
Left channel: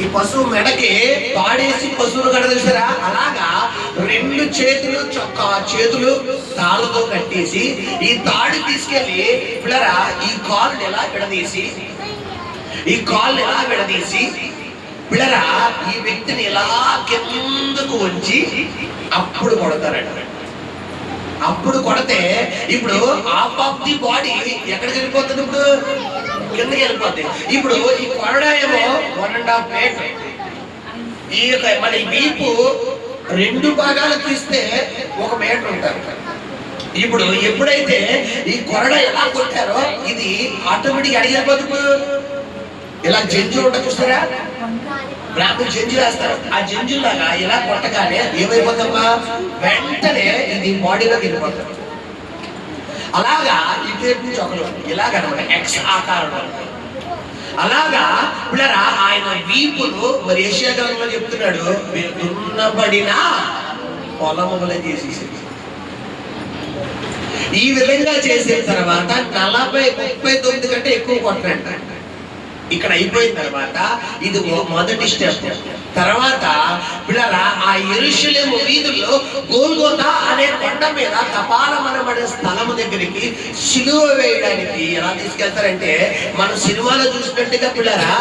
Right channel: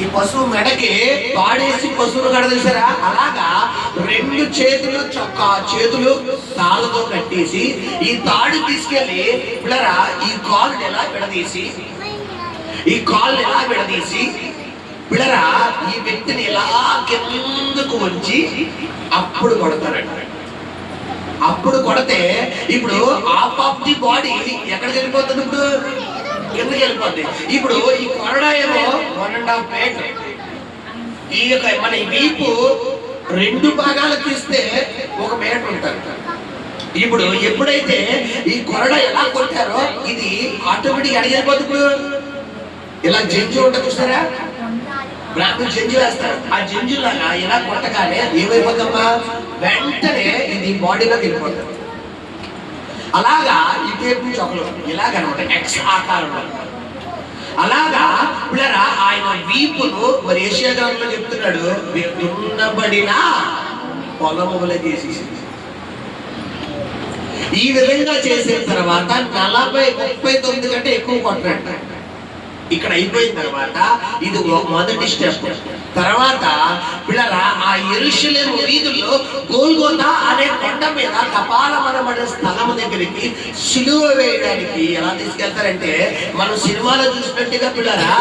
ఈ పశువు మెడకి తాడేసి పశువును కడదీసారా? అలాగా 2 చేతులు చేతులు తాళ్ళతో కట్టేసి ఈ తాడు తీసుకెళ్లి పిల్లరా ఈ కాళ్ళు ఎలా విడదీసి పిల్లరా ఈ వ్యక్తిని ఎలా కిందకు వంచి అప్పుడు కొడతారంట. అప్పుడు కొడితే ఇప్పుడు హాఫ్ ఆఫ్ ది బాడీ ఎక్కడికి వెళ్ళిపోతుంది? ఇప్పుడు కిందకి వెళ్ళిపోద్ది. ఇప్పుడు ఈ కొరడా ఏమో 1.5 feet. ఈ యొక్క మన వీపు 2 భాగాలు తీస్తే 1 మీటర్ ఉంటుంది. ఇప్పుడు ఎప్పుడైతే ఈ కొరడా ఎలా కొట్టారో ఇది ఆటోమేటిక్ అడిగిపోతుంది. ఇలా జంజు ఉంటుంది చూస్తారా? బ్రాహ్మణులు జంజు వేస్తారు. ఆ జంజు లాగా ఇలా కొట్టగానే ఏమైపోతుందమ్మా వెంటనే ఇది బాడీలోకి వెళ్ళిపోతుంది. అలాగా ఈ టేప్ నుంచి ఒకరు ఇలాగనమాట ఎక్స్ ఆకారంలో అలాగా పిల్లరా ఆయన వీపును మరి ఏషియా గ్రంథంలో చెప్తున్నాడు దున్నబడిన పొలములే చేసేసింది. ఈ విధంగా చేసిన తర్వాత 40-39 కంటే ఎక్కువ కొట్టరంట. ఇక్కడ అయిపోయిన తర్వాత ఇది మొదటి స్టెప్. తర్వాత పిల్లరా ఆ యెరూషలేము వీధుల్లో గోల్గోతా అనే కొండ మీద కపాలమనబడే స్థలము దగ్గరికి సిలువ వేయడానికి ఎలా తీసుకెళ్తారంటే మనం సినిమాలో చూసినట్టుగా పిల్లరా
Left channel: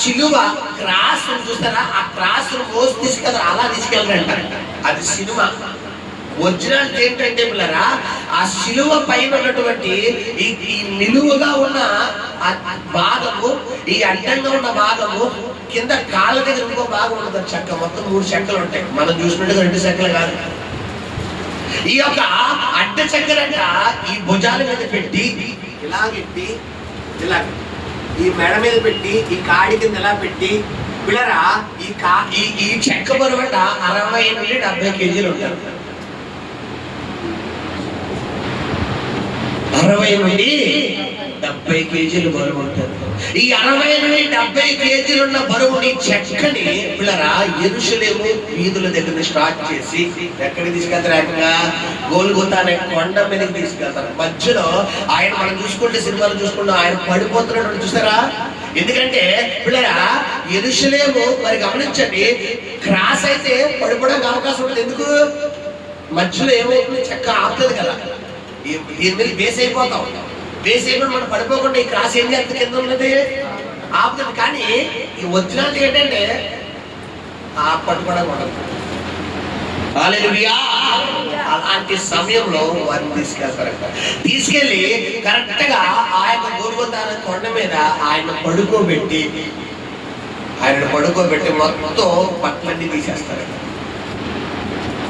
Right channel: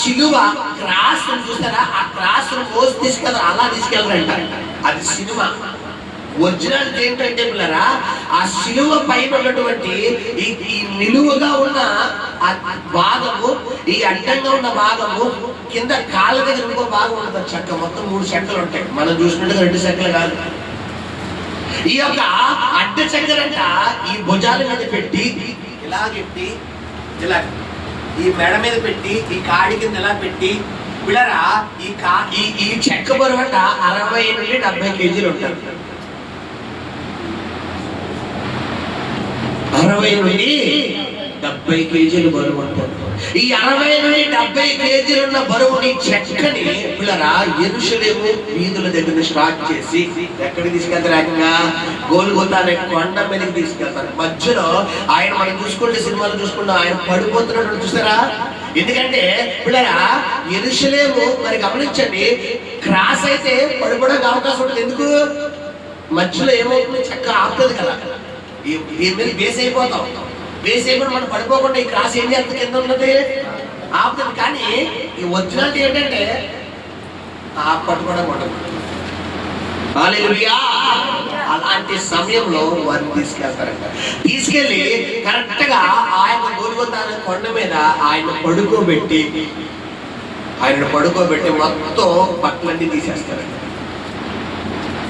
సిలువ క్రాస్ చూస్తారా? ఆ క్రాస్ మోసి తీసుకెళ్తారు. అలా తీసుకెళ్తారంట. అది సినిమా. ఒరిజినల్ ఏంటంటే పిల్లరా ఆ సిలువ పైన ఉన్నటువంటి ఈ నిలువుగా ఉన్న భాగము ఈ అడ్డంగా ఉన్న భాగము కింద కాళ్ళ దగ్గర ఇంకో భాగం ఉంటుంది. చెక్క మొత్తం 3 చెక్కలు ఉంటాయి. మనం చూసినట్టుగా 2 చెక్కలు కాదు. ఈ యొక్క అడ్డ చెక్కలంట ఈ భుజాల మీద పెట్టి ఇలాగెట్టి ఇలా ఈ మెడ మీద పెట్టి ఈ కాడి కింద ఎలా పెట్టి పిల్లరా ఈ చెక్క బరువు అంట 60-70 కేజీలు ఉంటారు. 60-70 కేజీలు బరువు ఉంటుంది. ఈ 60-70 కేజీలు ఉన్న బరువుని చెక్కని పిల్లరా యెరూషలేము వీధుల దగ్గర స్టార్ట్ చేసి ఎక్కడికి తీసుకెళ్తారు? ఏకంగా గోల్గోతా అనే కొండ మీదకి తీసుకెళ్తారు. మధ్యలో ఆయన మనం చూసుకుంటే సినిమాలు చూసుకుంటాం ఆయన పడిపోతున్నట్టు చూసారా? ఎందుకంటే పిల్లరా యెరూషలేము మరి గమనించండి క్రాస్ అయితే పడిపోవడానికి అవకాశం ఉంటుంది. ఎందుకు? మధ్యలో ఏమవుతుంది? చెక్క ఆపుతుంది కదా. దీని మీద బేస్ అయిపోతాం. బేస్ అయిపోయి మనం పడిపోకుండా ఈ క్రాస్ ఏం చేస్తుంది? కింద ఉన్నది ఆపుతుంది. కానీ ఈ ఒరిజినాలిటీ ఏంటంటే పట్టుకోవడం ఉండదు. హల్లెలూయా! అలాంటి సమయంలో వారిని తీసుకెళ్తారంట. తీసుకెళ్ళి కరెక్ట్ గా ఆయన గొల్గొతా కొండ మీద ఆయన పడుకోబెట్టి మొత్తం బట్టలన్నీ తీసేస్తారంట.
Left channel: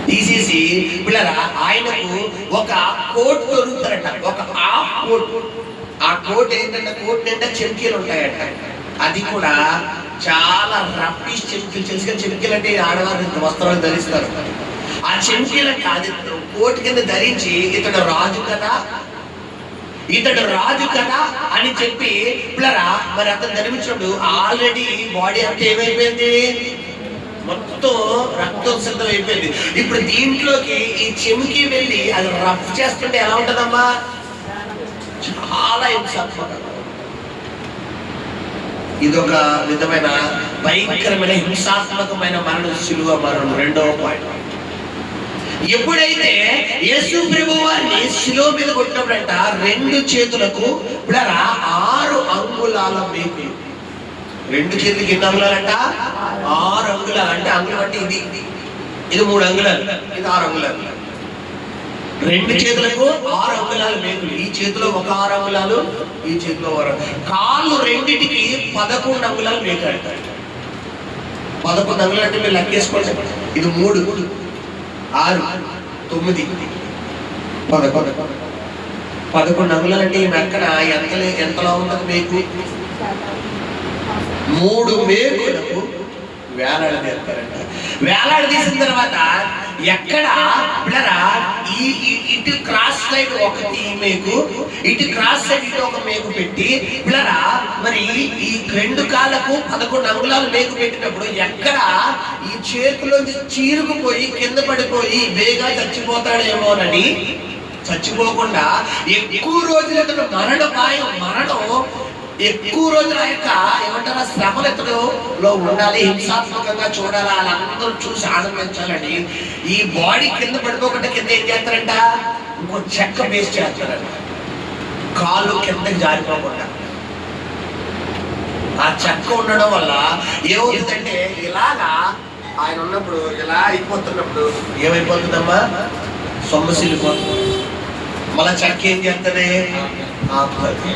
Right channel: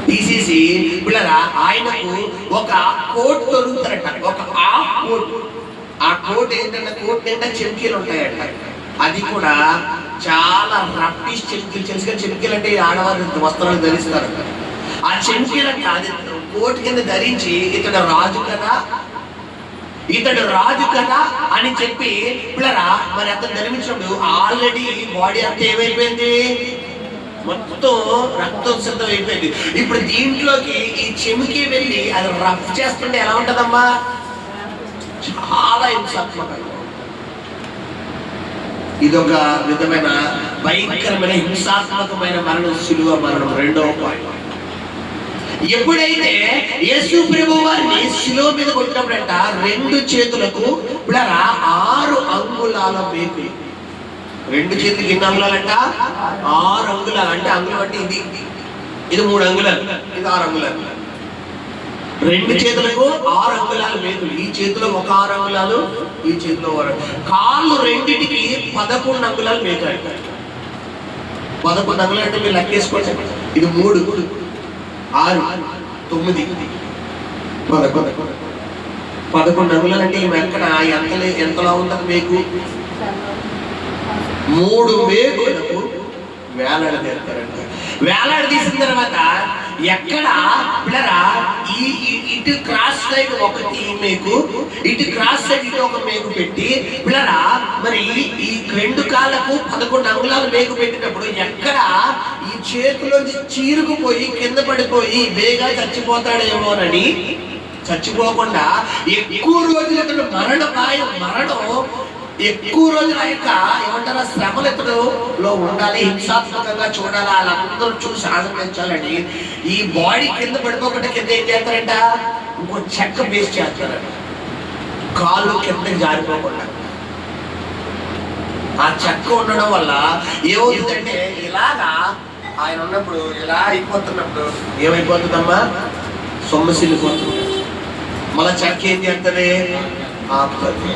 తీసేసి పిల్లరా ఆయనకు ఒక కోట్ దొరుకుతారట, ఒక హాఫ్ కోట్. ఆ కోట్ ఏంటంటే కోట్ నిండా చెమ్కీలు ఉంటాయంట. అది కూడా చాలా రఫిష్ చెమ్కీలు. తెలుసుగా చెమ్కీలు అంటే ఆడవారు వస్త్రాలు ధరిస్తారు. ఆ చెమ్కీలను కాదు, కోట్ కింద ధరించి ఇతడు రాజు కదా అని చెప్పి పిల్లరా మరి అతను ధరించినప్పుడు ఆల్రెడీ బాడీ అంతా ఏమైపోయింది, మొత్తం రక్తం సిద్ధం అయిపోయింది. ఇప్పుడు దీంట్లోకి ఈ చెమికి వెళ్ళి అది రఫ్ చేస్తుంటే ఎలా ఉంటదమ్మా, చాలా హింసాత్మకంగా. ఇదొక విధమైన భయంకరమైన హింసాత్మకమైన మరణం, శిలువ మరణం. రెండవ పాయింట్, ఎప్పుడైతే యేసు ప్రభువు వారిని శిలువ మీద కొట్టినప్పుడంట 2 చేతులకు పిల్లరా 6 అంగుళాల మేకు. 2 చేతులకి ఎన్ని అంగుళాలంట, 6 అంగుళాలు. అంటే అంగుళం అంటే ఇది 3 అంగుళాలు, ఇది 6 అంగుళాలు. 2 చేతులకు 6 అంగుళాలు మేకులు. ఈ చేతిలో ఒక 6 అంగుళాలు, ఈ చేతిలో 6. కాళ్ళు రెండిటికి 11 అంగుళాలు మేకు అంటారు. 11 అంగుళాలు అంటే మీరు లెక్కేసుకోండి. ఇది 3, 6, 9, 11 అంగుళాలు. అంటే ఈ మెక్కన ఎంతలా ఉంటుంది మీకు? 3 మేకులకు వేలాడదీస్తారంట. వేలాడదీసిన తర్వాత ఎక్కడ పిల్లరా ఇటు క్రాస్ సైడ్ ఒకటి మేకు, ఇటు క్రాస్ సైడ్ ఇటు ఒక మేకు పెట్టి పిల్లరా మరి ఈ 2 కాళ్ళకు 11 అంగుళాలు మేకు పెట్టినప్పుడు ఎక్కడ ఈ చేతిలోంచి చీరుకుపోయి కింద పడిపోయి వేగా చచ్చిపోతాడేమోనని చచ్చిపోకుండా ఎక్కువ రోజులు ఇతను మరణం ఎక్కువ రోజుల యొక్క ఏమంటారా శ్రమలు ఇతడులో ఉండాలి, హింసాత్మకంగా చూడాలి, వాళ్ళందరూ చూసి ఆనందించాలని ఈ బాడీ కింద పడిపోకుండా కింద ఏం చేస్తారంట, ఇంకో చెక్క పేస్ట్ చేస్తారంట, కాళ్ళు కిందకి జారిపోకుండా. ఆ చెక్క ఉండడం వల్ల ఏమవుతుందంటే ఇలాగా ఆయన ఉన్నప్పుడు ఇలా అయిపోతున్నప్పుడు ఏమైపోతుందమ్మా, సొమ్మసిల్లిపోతుంది. మళ్ళా చెక్క ఏం చేస్తుంది, ఆపుతుంది.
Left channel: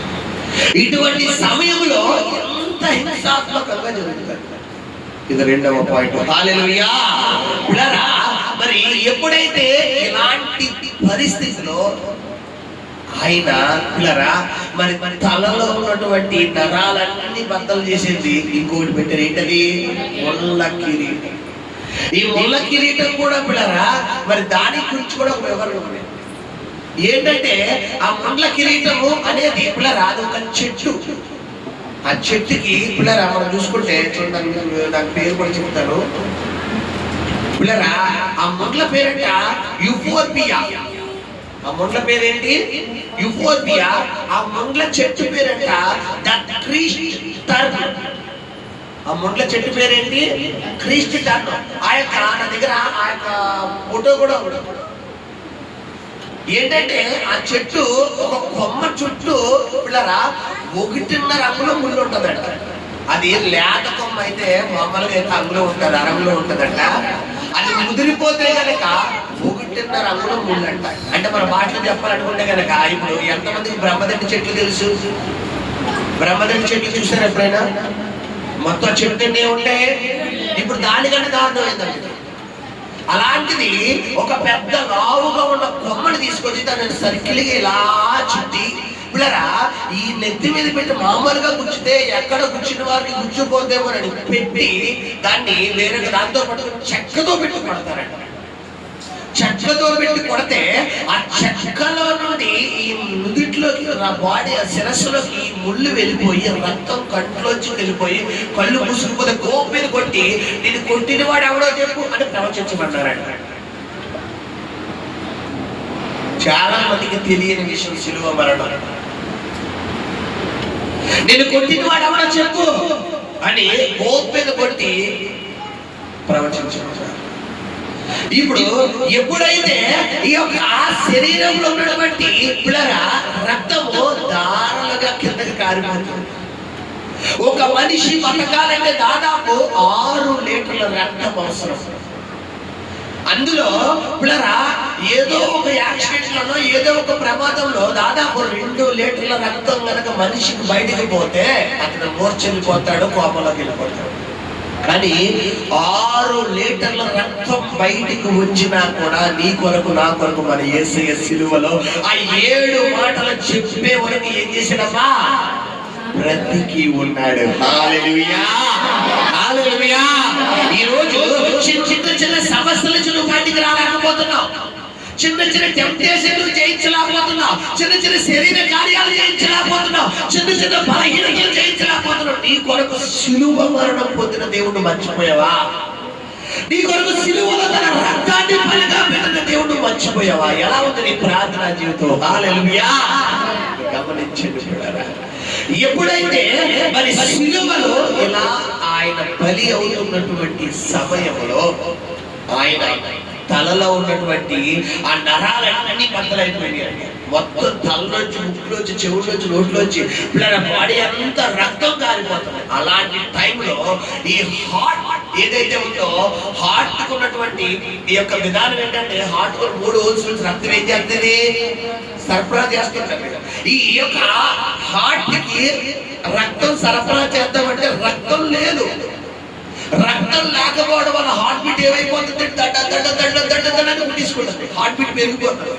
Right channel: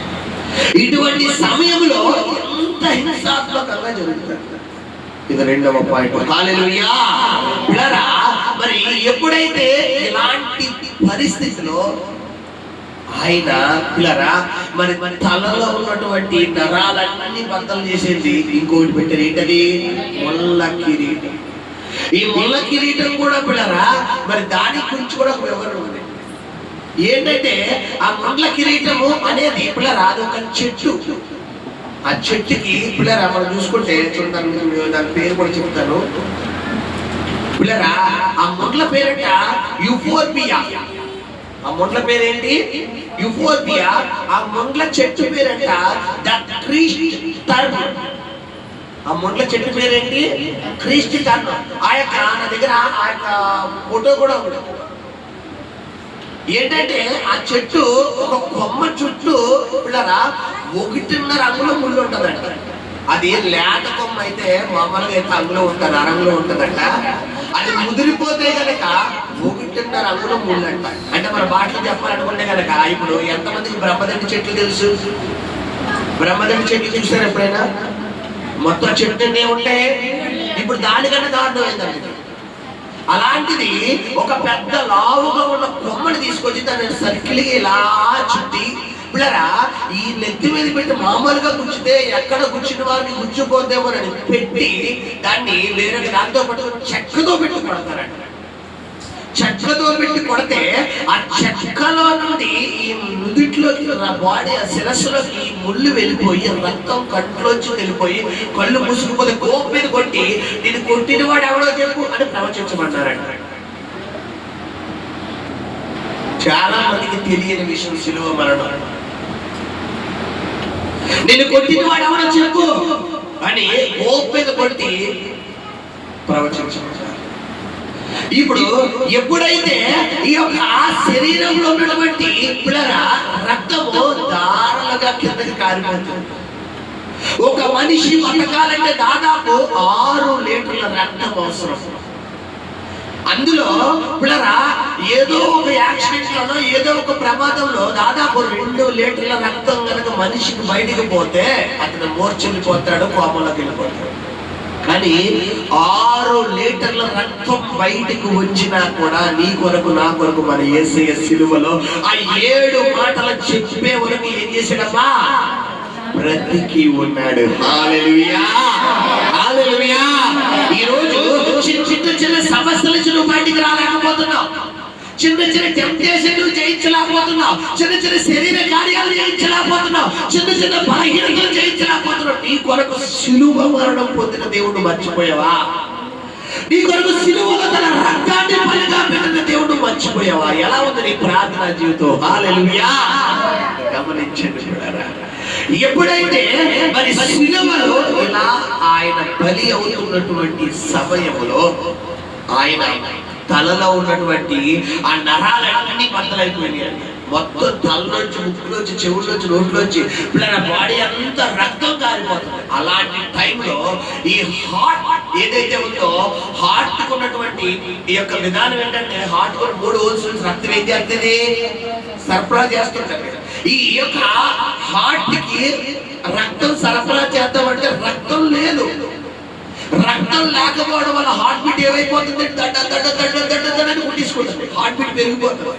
ఇటువంటి సమయంలో ఎంత హింసాత్మకంగా జరుగుతుంది. ఇది రెండవ పాయింట్. హల్లెలూయా. పిల్లరా మరి ఎప్పుడైతే ఇలాంటి పరిస్థితిలో ఆయన పిల్లరా మరి తలలో ఉన్నటువంటి నరాలన్నీ బద్దలు చేసేది ఇంకోటి పెట్టారు. ఏంటది, ముళ్ళ కిరీటం. ఈ ముళ్ళ కిరీటం కూడా పిల్లరా మరి దాని గురించి కూడా ఒక వివరణ ఉంది. ఏంటంటే ఆ మండల కిరీటము అనేది పిల్లరా అది ఒక చెట్టు. ఆ చెట్టుకి పిల్లరా మనం చూసుకుంటే చూడండి, దాని పేరు కూడా చెప్తాను. పిల్లరా ఆ మండల పేరంట యూఫోర్బియా. ఆ మండల పేరేంటి, యూఫోర్బియా. ఆ మండల చెట్టు పేరంట ద క్రీస్ట్ టర్న్. ఆ మండల చెట్టు పేరేంటి, క్రీస్ట్ టర్న్. ఆ యొక్క నా దగ్గర ఆ యొక్క ఫోటో కూడా ఉంది. ఏంటంటే ఆ చెట్టు ఒక కొమ్మ చుట్టూ పిల్లరా 1.5 అంగుళం ముళ్ళు ఉంటుందంట. అది లేత కొమ్మ అయితే మామూలుగా అయితే అంగుళం ఉంటుంది, అరంగులో ఉంటుందంట. అది ముదిరిపోతే కనుక 1.5 అంగుళం ముళ్ళు అంట. అంటే మన భాషలో చెప్పాలనుకుంటే కనుక ఇప్పుడు ఎంతమందికి బ్రహ్మదండి చెట్లు తెలుసు? బ్రహ్మదండి చెట్లు చూసారు ఎప్పుడైనా? మొత్తం చెట్లు ఏముంటాయి, ఇప్పుడు దానికన్నా దారుణమైందండి. అలాంటిది ఒక పెద్ద లావుగా ఉన్న కొమ్మని తీసుకొచ్చి దాన్ని సర్కిల్గా ఇలా చుట్టి పిల్లరా ఈ నెత్తి మీద పెట్టి మామూలుగా గుచ్చితే ఎక్కడ గుచ్చిన వారికి గుచ్చిపోతేమోనని పెట్టి దాన్ని వేరే దాంతో పాటు చెక్కతో పెట్టి కొడతారంట. చెక్కతో పెట్టి కొడితే ఆ చెక్కలో నుండి ఈ నుదిట్లోకి నా బాడీ ఆ శిరస్సులోకి ముళ్ళు వెళ్ళిపోయి రక్తం కంట్లోంచి వెళ్ళిపోయి కళ్ళు మూసుకుపోతే కోపం మీద కొట్టి నేను కొట్టిన వాడు ఎవడో చెప్పు అని ప్రవచించబడ్డారంట. చాలా మందికి తెలియని విషయం శిలువ మరణం. నేను కొట్టిన వాడు ఎవడో చెప్పు అని కోపం మీద కొట్టి ప్రవచించబడ్డారు. ఇప్పుడు ఎప్పుడైతే ఈ యొక్క శరీరంలో ఉన్నటువంటి పిల్లరా రక్తము దారులుగా కిందకి కారిపోతుంది. ఒక మనిషి బతకాలంటే దాదాపు 6 లీటర్ల రక్తం అవసరం. అందులో పిల్లరా ఏదో ఒక యాక్సిడెంట్ లోనో ఏదో ఒక ప్రమాదంలో దాదాపు 2 లీటర్ల రక్తం కనుక మనిషికి బయటికి పోతే అతను మూర్చెల్లిపోతాడు, కోపంలోకి వెళ్ళిపోతాడు. కానీ 6 లీటర్ల రక్తం బయటికి వచ్చినా కూడా నీ కొరకు నా కొరకు మన యేసయ్య సిలువలో ఆ 7 మాటలు చెప్పే వరకు ఏం చేశాడమ్మా? బ్రతికి ఉన్నాడు. హల్లెలూయా, హల్లెలూయా. ఈ రోజు చిన్న సమస్యల నుంచి నువ్వు బయటికి రాలేకపోతున్నావు, చిన్న టెంప్టేషన్ జయించలేకపోతున్నావు, చిన్న శరీర కార్యాలు జయించలేకపోతున్నావు, చిన్న బలహీనతలు జయించలేకపోతున్నావు. నీ కొరకు శిలువ మరణం పొందిన దేవుడు మర్చిపోయావా? నీ కొరకు శిలువలో తన రక్తాన్ని బలిగా పెట్టిన దేవుడు మర్చిపోయావా? ఎలా ఉంది నీ ప్రార్థనా జీవితం? హల్లెలూయా. గమనించండి పిల్లరా, ఎప్పుడైతే మరి శిలువలో ఇలా ఆయన బలి అవుతున్నటువంటి సమయంలో ఆయన తలలో ఉన్నటువంటి ఆ నరాలన్నీ బద్దలైపోయినాయి. మొత్తం తలలోంచి, ముక్కులోంచి, చెవుల్లోంచి, నోట్లోంచి పిల్లల బాడీ అంతా రక్తం కారిపోతుంది. అలాంటి టైంలో ఈ హార్ట్ ఏదైతే ఉందో, హార్ట్ కు ఉన్నటువంటి ఈ యొక్క విధానం ఏంటంటే, హార్ట్ కు 3 హోల్స్ రక్తం ఏం చేస్తుంది? సరఫరా చేస్తుంది. ఈ యొక్క హార్ట్ కి రక్తం సరఫరా చేద్దామంటే రక్తం లేదు. రక్తం లేకపోవడం వల్ల హార్ట్ బీట్ ఏమైపోతుంది? దడ్డ దడ్డ దడ్డ దడ్డ దడ్డ కుట్టించుకుంటుంది, హార్ట్ బీట్ పెరిగిపోతుంది.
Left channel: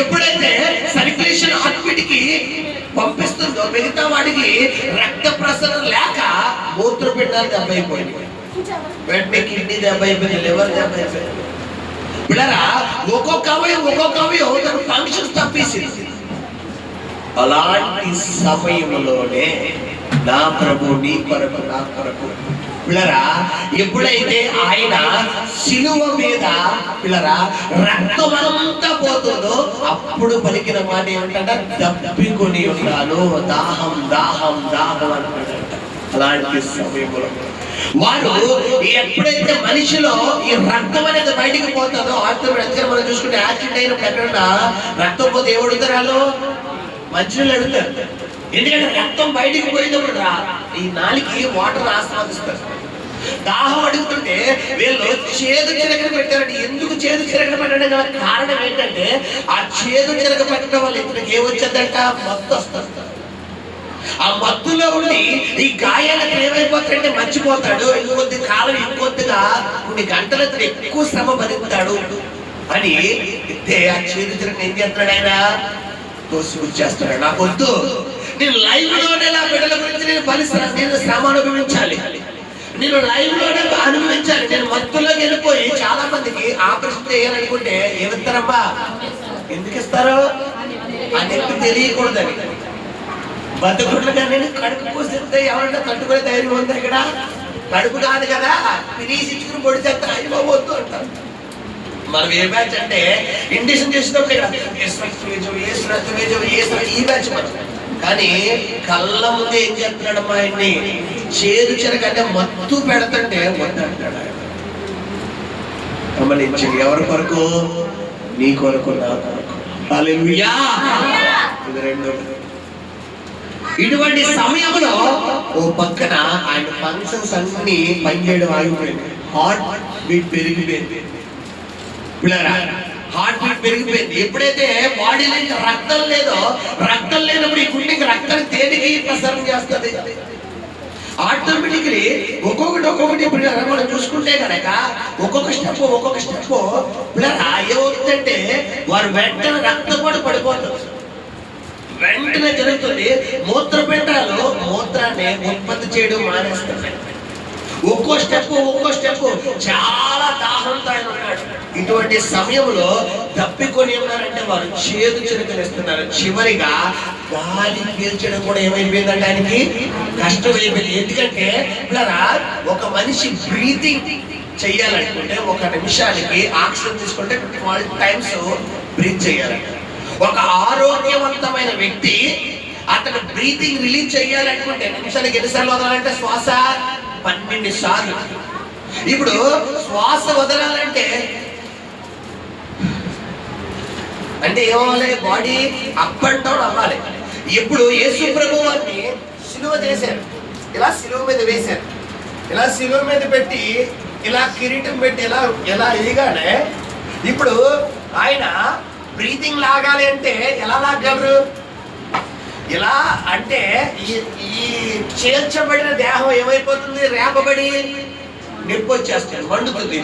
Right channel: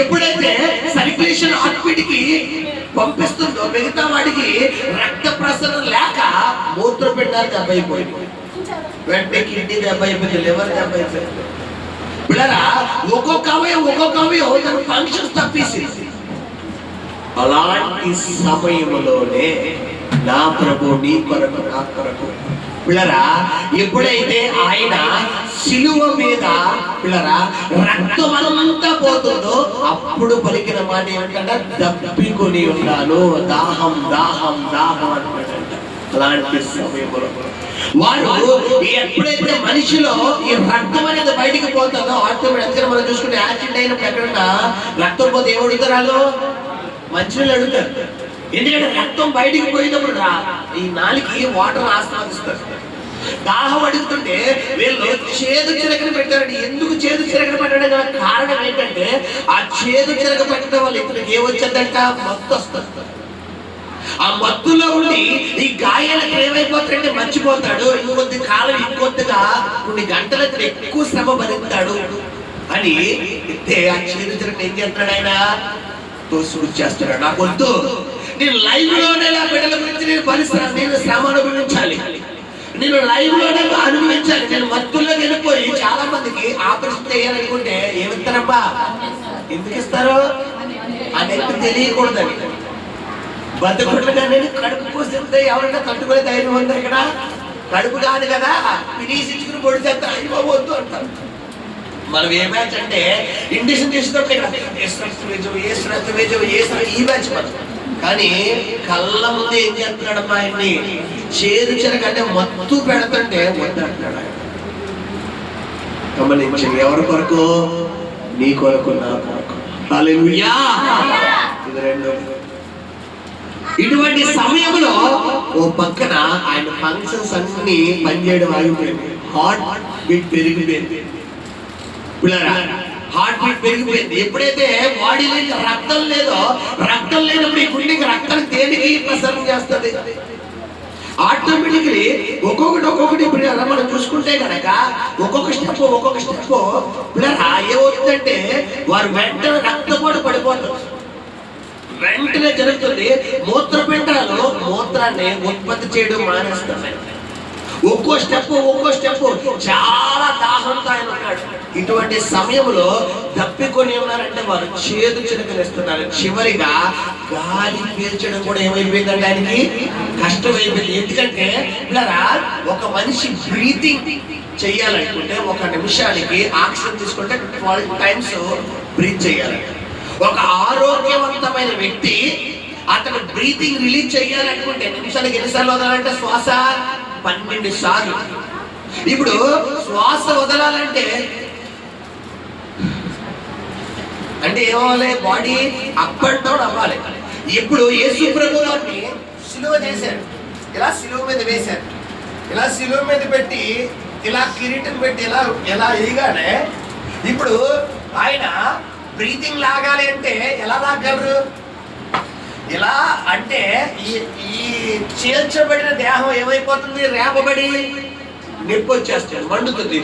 ఎప్పుడైతే సర్క్యులేషన్ హార్ట్ బీట్ కి పంపిస్తుందో మిగతా వాడికి రక్త ప్రసరణ లేక మూత్రపిండాలు దెబ్బైపోయింది, వెంటనే కిడ్నీ దెబ్బైపోయింది, లివర్ దెబ్బైపోయింది. పిల్లరా ఒక్కొక్క అవయవం తన ఫంక్షన్స్ తప్పేసింది. అలాంటి సమయంలోనే నా ప్రభు నీ కొరకు నా కొరకు పిల్లరా ఎప్పుడైతే ఆయన శిలువ మీద పిల్లరా రక్తం అంతా పోతుందో అప్పుడు పలికిన మాట ఏమంటే దప్పికొని ఉన్నాను, దాహం దాహం దాహం అంటాడంట. అలాంటి సమయంలో వారు ఎప్పుడైతే మనిషిలో ఈ రక్తం అనేది బయటికి పోతుందో ఆటోమేటిక్గా మనం చూసుకుంటే యాక్సిడెంట్ అయినప్పుడు ఎక్కడన్నా రక్తం పోతే ఏం అడుగుతారు? మంచినీళ్ళు అడుగుతారు. ఎందుకంటే రక్తం బయటికి పోయినప్పుడు ఈ నాలికి వాటర్ ఆస్వాదిస్తారు. దాహం అడుగుతుంటే వీళ్ళు చేదు చిరకలు పెట్టారండి. ఎందుకు చేదు చిరకలు పెట్టడం గల కారణం ఏంటంటే ఆ చేదు చిరక పెట్టడం వల్ల ఇతనికి ఏమొచ్చేదంట? మత్తు వస్తుంది. ఆ మత్తులో ఉండి ఈ గాయాలకు ఏమైపోతాడంటే మర్చిపోతాడు. ఇంకొద్ది కాలం ఇంకొద్దిగా కొన్ని గంటలు ఇతను ఎక్కువ శ్రమ భరిస్తాడు అని ఆ చేదు చిరకను ఏం చేస్తాడు? ఆయన చేస్తాడు. నాకు వద్దు, నేను లైవ్ లోనే నా బిడ్డల గురించి నేను శ్రమ అనుభవించాలి, నేను లైవ్ లోనే అనుభవించాలి. నేను మత్తులోకి వెళ్ళిపోయి చాలా మందికి ఆపరేషన్ చేయాలనుకుంటే ఏమిస్తారమ్మా? ఎందుకు ఇస్తారు అని తెలియకూడదని. బతుకుట్లుగా నేను కడుపు కోసిస్తే ఎవరంటే తట్టుకునే ధైర్యం ఉంది ఇక్కడ? కడుపు కాదు కదా, పిలిచించుకుని పొడి చేస్తారు, అయిపోవద్దు అంటారు. మనం ఏ బ్యాచ్ అంటే ఇండిషన్ చేసినప్పుడు ఈ బ్యాచ్ మనం. కానీ కళ్ళ ముందే ఏం చేస్తున్నాడమ్మా? ఆయన్ని చేదు చెరకంటే మత్తు పెడుతుంటే వద్దు అంటాడు ఆయన. గమనించి ఎవరి కొరకు? నీ కొరకు నా కొరకు. హల్లెలూయా. ఇది రెండో. ఇటువంటి సమయంలో ఓ పక్కన ఆయన ఫంక్షన్స్ అన్ని పనిచేయడం ఆగిపోయింది. హార్ట్ బీట్ పెరిగిపోయింది. హార్ట్ బీట్ పెరిగిపోయింది. ఎప్పుడైతే బాడీలో రక్తం లేదో, రక్తం లేనప్పుడు ఈ గుండెకి రక్తం దేనికి ప్రసరణ చేస్తుంది? ఆటోమేటిక్లీ ఒక్కొక్కటి ఇప్పుడు మనం చూసుకుంటే కనుక ఒక్కొక్క స్టెప్ ఏమవుతుందంటే వారు వెంటనే రక్తపోటు పడిపోతుంది, వెంటనే జరుగుతుంది. మూత్రపిండాలు మూత్రాన్ని ఉత్పత్తి చేయడం మానేస్తున్నాయి. ఒక్కో స్టెప్ చాలా దాహంతో ఆయన ఉన్నాడు. ఇటువంటి సమయంలో తప్పికొని ఉన్నారంటే వారు చేదు చిరకనిస్తున్నారు. చివరిగా గాలి పీల్చడం కూడా ఏమైపోయిందంటే ఆయనకి కష్టమైపోయింది. ఎందుకంటే ఒక మనిషి బ్రీతింగ్ చెయ్యాలనుకుంటే 1 నిమిషానికి ఆక్సిజన్ తీసుకుంటే 12 times బ్రీత్ చేయాలి. ఒక ఆరోగ్యవంతమైన వ్యక్తి అతను బ్రీతింగ్ రిలీజ్ చేయాలనుకుంటే నిమిషానికి ఎన్నిసార్లు వదలాలంటే శ్వాస 12 సార్లు. ఇప్పుడు శ్వాస వదలాలంటే ఏమవ్వాలి? బాడీ అప్ అండ్ డౌన్ అవ్వాలి. ఇప్పుడు యేసు ప్రభు వారిని సిలువ చేశారు, ఇలా సిలువ మీద వేశారు, ఇలా సిలువ మీద పెట్టి ఇలా కిరీటం పెట్టి ఎలా ఎలా వేయగానే ఇప్పుడు ఆయన బ్రీతింగ్ లాగాలి అంటే ఎలా లాగలరు? ఇలా అంటే ఈ చేర్చబడిన దేహం ఏమైపోతుంది? రేపబడి నొప్పి వచ్చేస్తుంది, మండుతుంది.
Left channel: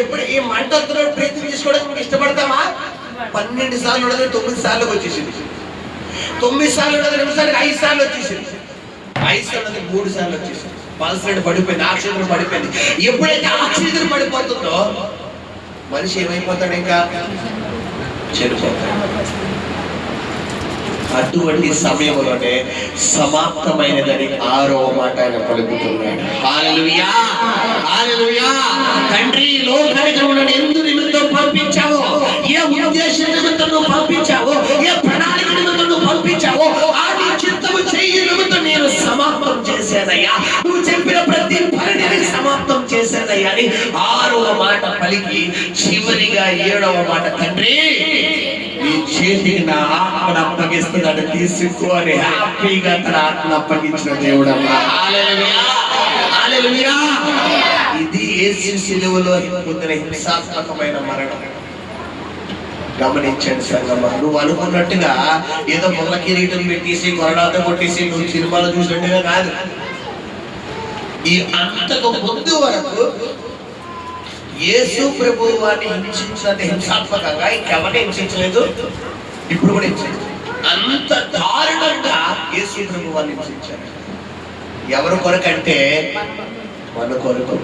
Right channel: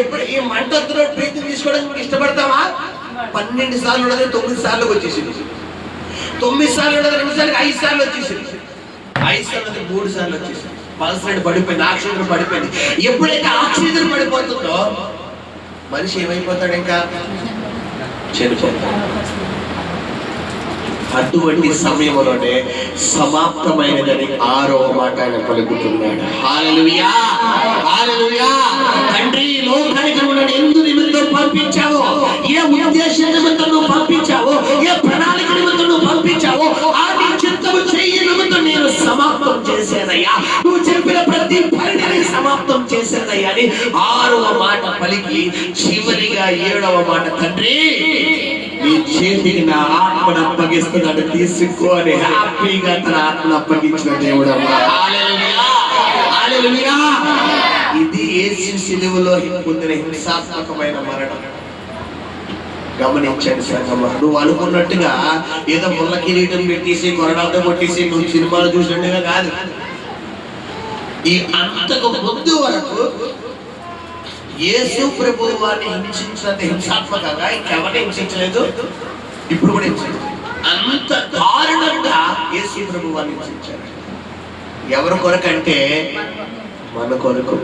ఎప్పుడు ఈ మంట వస్తున్న బ్రీతింగ్ తీసుకోవడానికి ఇష్టపడతామా? 12 సార్లు ఉన్నది 9 సార్లు వచ్చేసింది, 9 సార్లు ఉన్నది 2 సార్లు 5 సార్లు వచ్చేసింది, 5 సార్లు ఉన్నది 3 సార్లు వచ్చేసింది. పల్స్ రేట్ పడిపోయింది, ఆక్సిజన్ పడిపోయింది. ఎప్పుడైతే ఆక్సిజన్ పడిపోతుందో మనిషి ఏమైపోతాడు? ఇంకా చనిపోతాడు. అటువంటి సమయంలోనే సమాప్తమైనదని 6వ మాట ఆయన పలుకుతున్నాడు. హల్లెలూయా, హల్లెలూయా. తండ్రి, లోకానికి నన్ను ఎందు నిమిత్తం పంపించావో, ఏ ఉద్దేశం నిమిత్తం నువ్వు పంపించావో, ఏ ప్రణాళిక నిమిత్తం నువ్వు పంపించావో, ఆ నీ చిత్తము చెయ్యి నిమిత్తం నేను సమాప్తం చేశానయ్యా. నువ్వు చెప్పిన ప్రతి పనిని సమాప్తం చేశానయ్యా అని 6వ మాట పలికి చివరిగా 7వ మాట, తండ్రి నీ చేతికి నా ఆత్మను అప్పగిస్తున్నాడు, తీసుకో అని హ్యాపీగా తన ఆత్మను అప్పగించిన దేవుడు. హల్లెలూయా, హల్లెలూయా. ఇది యేసు శిలువలో పొందిన హింసాత్మకమైన మరణం. గమనించండి సంగమా, నువ్వు అనుకున్నట్టుగా ఏదో ముళ్ళ కిరీటం పెట్టేసి కొరడాలతో కొట్టేసి నువ్వు సినిమాలు చూసినట్టుగా కాదు. ఈ అంతకు ముందు వరకు యేసు ప్రభువు వారిని హింసించినంత హింసాత్మకంగా ఇంకెవరిని హింసించలేదు, ఇప్పుడు కూడా హింసించలేదు. అంత దారుణంగా యేసు ప్రభువు వారిని హింసించారు. ఎవరి కొరకంటే మన కొరకు.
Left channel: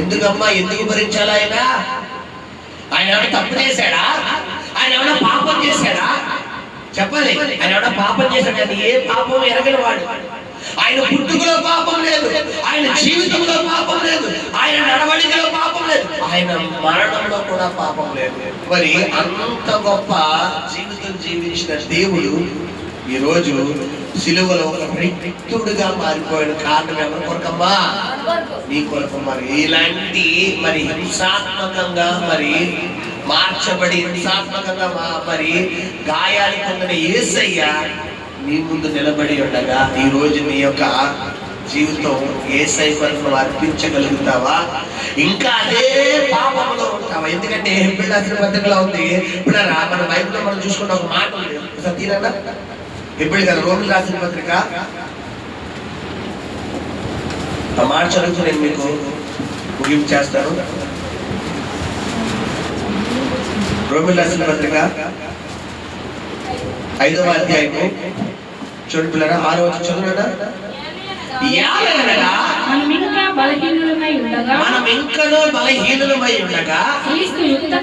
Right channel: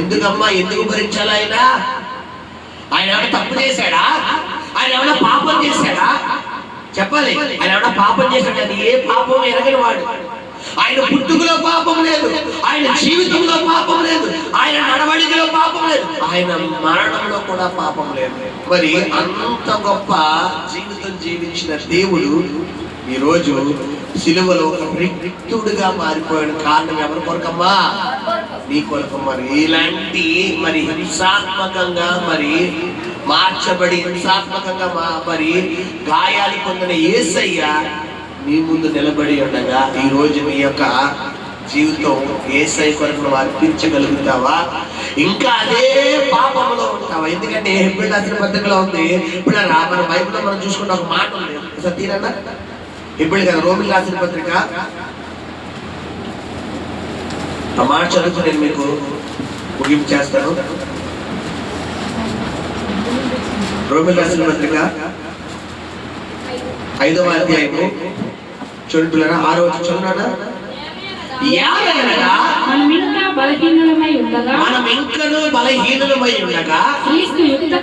ఎందుకమ్మా, ఎందుకు భరించాలి? ఆయన ఏమైనా తప్పు చేశాడా? ఆయన ఏమైనా పాపం చేశాడా? చెప్పాలి. ఆయన ఏమైనా పాపం చేశాడు? ఆయన ఏ పాపం ఎరగని వాడు. ఆయన పుట్టుకలో పాపం లేదు, ఆయన జీవితంలో పాపం లేదు, ఆయన నడవడికలో పాపం లేదు, ఆయన మరణంలో కూడా పాపం లేదు. మరి అంత గొప్ప జీవితం జీవించిన దేవుడు ఈరోజు సిలువలో ఒక రిక్తుడుగా మారిపోయాడు. కారణం ఎవరి కొరకమ్మా? నీ కొరకమ్మా. ఇలాంటి మరి హింసాత్మకంగా మరి మార్చబడి హింసాత్మకంగా మరి గాయాలు పొందిన యేసయ్య నీ ముందు నిలబడి ఉండగా ఈ రోజు నీ యొక్క జీవితం యేసయ్య కొరకు నువ్వు అర్పించగలుగుతావా? ఇంకా అదే పాపంలో ఉంటావా? ఎందుకంటే హెబ్రీయుల రాసిన పత్రికలో ఉంది. ఇప్పుడు మన బైబిల్లో మనం చూసుకున్న ఒక మాట ఉంది, సతీరన్నా హెబ్రీయులు కదా, రోమిలకు రాసిన పత్రిక ఆ మాట చదువుతూ నేను మీకు ముగింపు చేస్తాను. రోమిలకు రాసిన పత్రిక 5వ అధ్యాయము చూడండి పిల్లరా, 6వ వచనం చదువునాడా? మనం ఇంకనూ బలహీనులమై ఉండగా క్రీస్తు యుక్త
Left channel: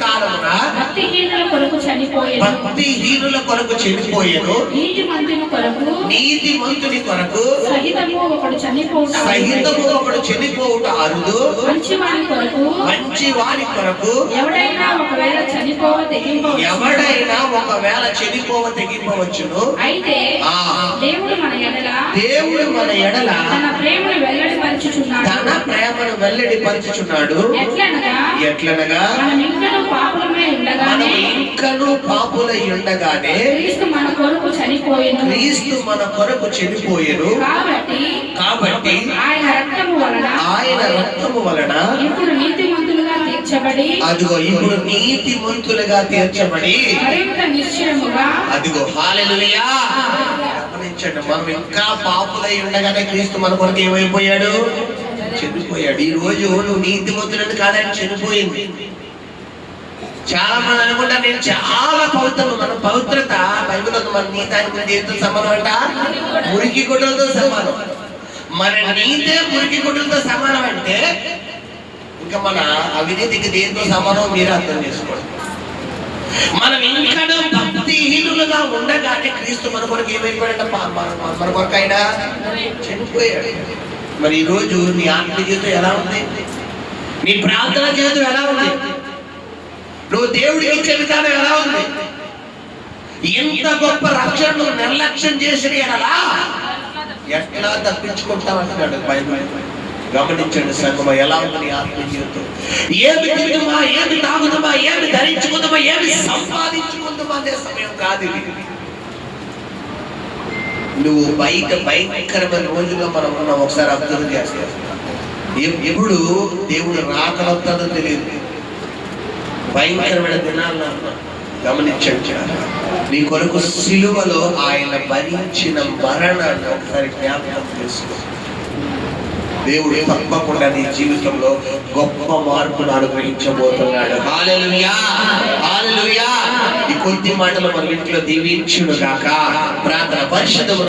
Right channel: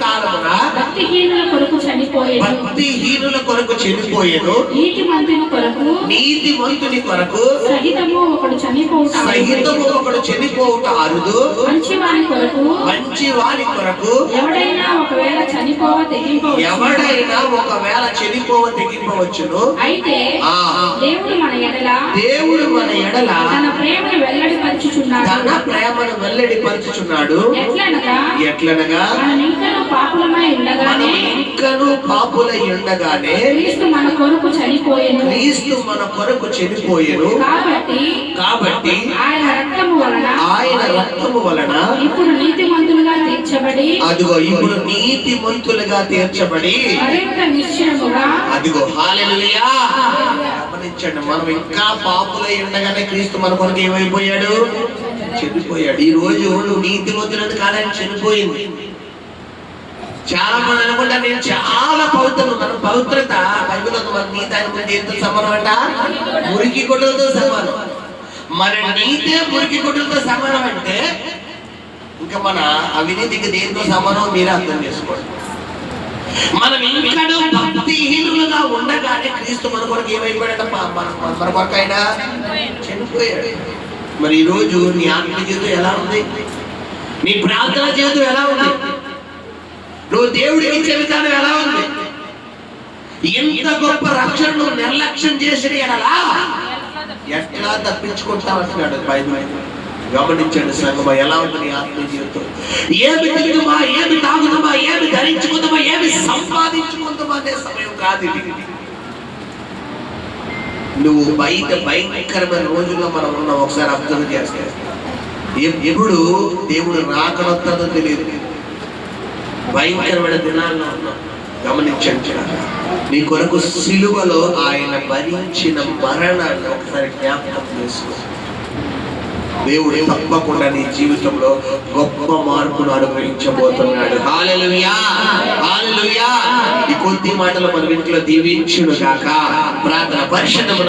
కాలమున భక్తిహీనుల కొరకు చనిపోయెను, నీతిమంతుని కొరకు సహితము ఒకడు చనిపోవుట అరుదు, మంచివాని కొరకు ఎవడైనా ఒకవేళ చనిపోవ తెగింపవచ్చును. అయితే దేవుడు మన ఎడల తన ప్రేమను వెల్లడిపరచుచున్నాడు. ఎట్లనగా మనం ఇంకనూ పాపులై ఉండగానే క్రీస్తు మన కొరకు చనిపోయెను. కాబట్టి ఆయన రక్తము వలన ఇప్పుడు నీతిమంతులుగా తీర్చబడి అదిగో హల్లెలూయా. గమనించండి, మనం ఇంకా పాపులై ఉండగానే క్రీస్తు మన కొరకు ఏమైపోయాడు? చనిపోయాడు. ఈ రోజు నువ్వు నీతిమంతులని కాదని చనిపోయింది. చాలా మంది అనుకుంటా నేను చాలా పవిత్రం. మన పవిత్రత బైబిల్లో మన నీతి ఆయన ముందు ఎంతో సమానం అంట, మురికి గుడ్డలతో సమానం. మన నీతే మురికి గుడ్డలతో సమానం అంటే ఇంకా మన అవినీతికి దేంతో సమానం మీరు అర్థం చేసుకోండి. మనం ఇంకా భక్తిహీనులుగా ఉండగానే క్రీస్తు మన కొరకు ఏమైపోయాడ? మన కొరకు ఆయన చనిపోయాడు. మరి ఈరోజు నీ ఆత్మ జీవితం ఎలా ఉంది? నీ ప్రార్థన జీవితం ఎలా ఉంది? నువ్వు దేవుడికి ఇచ్చే విధానం ఎలా ఉంది? ఎంత గొప్ప రక్షణ నువ్వు నిర్లక్ష్యం చేసిన ఎట్లా తప్పించుకుంటావు అంటున్నాడు బైబిల్. గమనించండి సంగమా, ఎలా ఉంటుంది ఆత్మ జీవితం? ఏమి తిరుగుమా, ఏమి తాగుదామా, ఏమి ధరించుకుందామా, ఏమి సంపాదించుకుందామా అనే సమయం కాదు ఇది. నువ్వు బయట భయంకరమైన రోజుల్లో మనం ఉన్నాం. ఒకసారి అబ్జర్వ్ చేస్తే ఎప్పుడు దేవుడు రాకలొస్తాడో తెలియదు. భయంకరమైన దినాల్లో ఉన్నాం. గమనించండి, నీ కొరకు సిలువలో ఆయన భరించిన మరణాన్ని ఒకసారి జ్ఞాపకం చేసుకో. దేవుడు తప్పకుండా నీ జీవితంలో గొప్ప మార్పును అనుగ్రహించబోతున్నాడు. హల్లెలూయా, హల్లెలూయా. ఈ కొద్ది మాటలు మన ఇంట్లో దీవించును గాక. ప్రార్థన. పరిశుద్ధ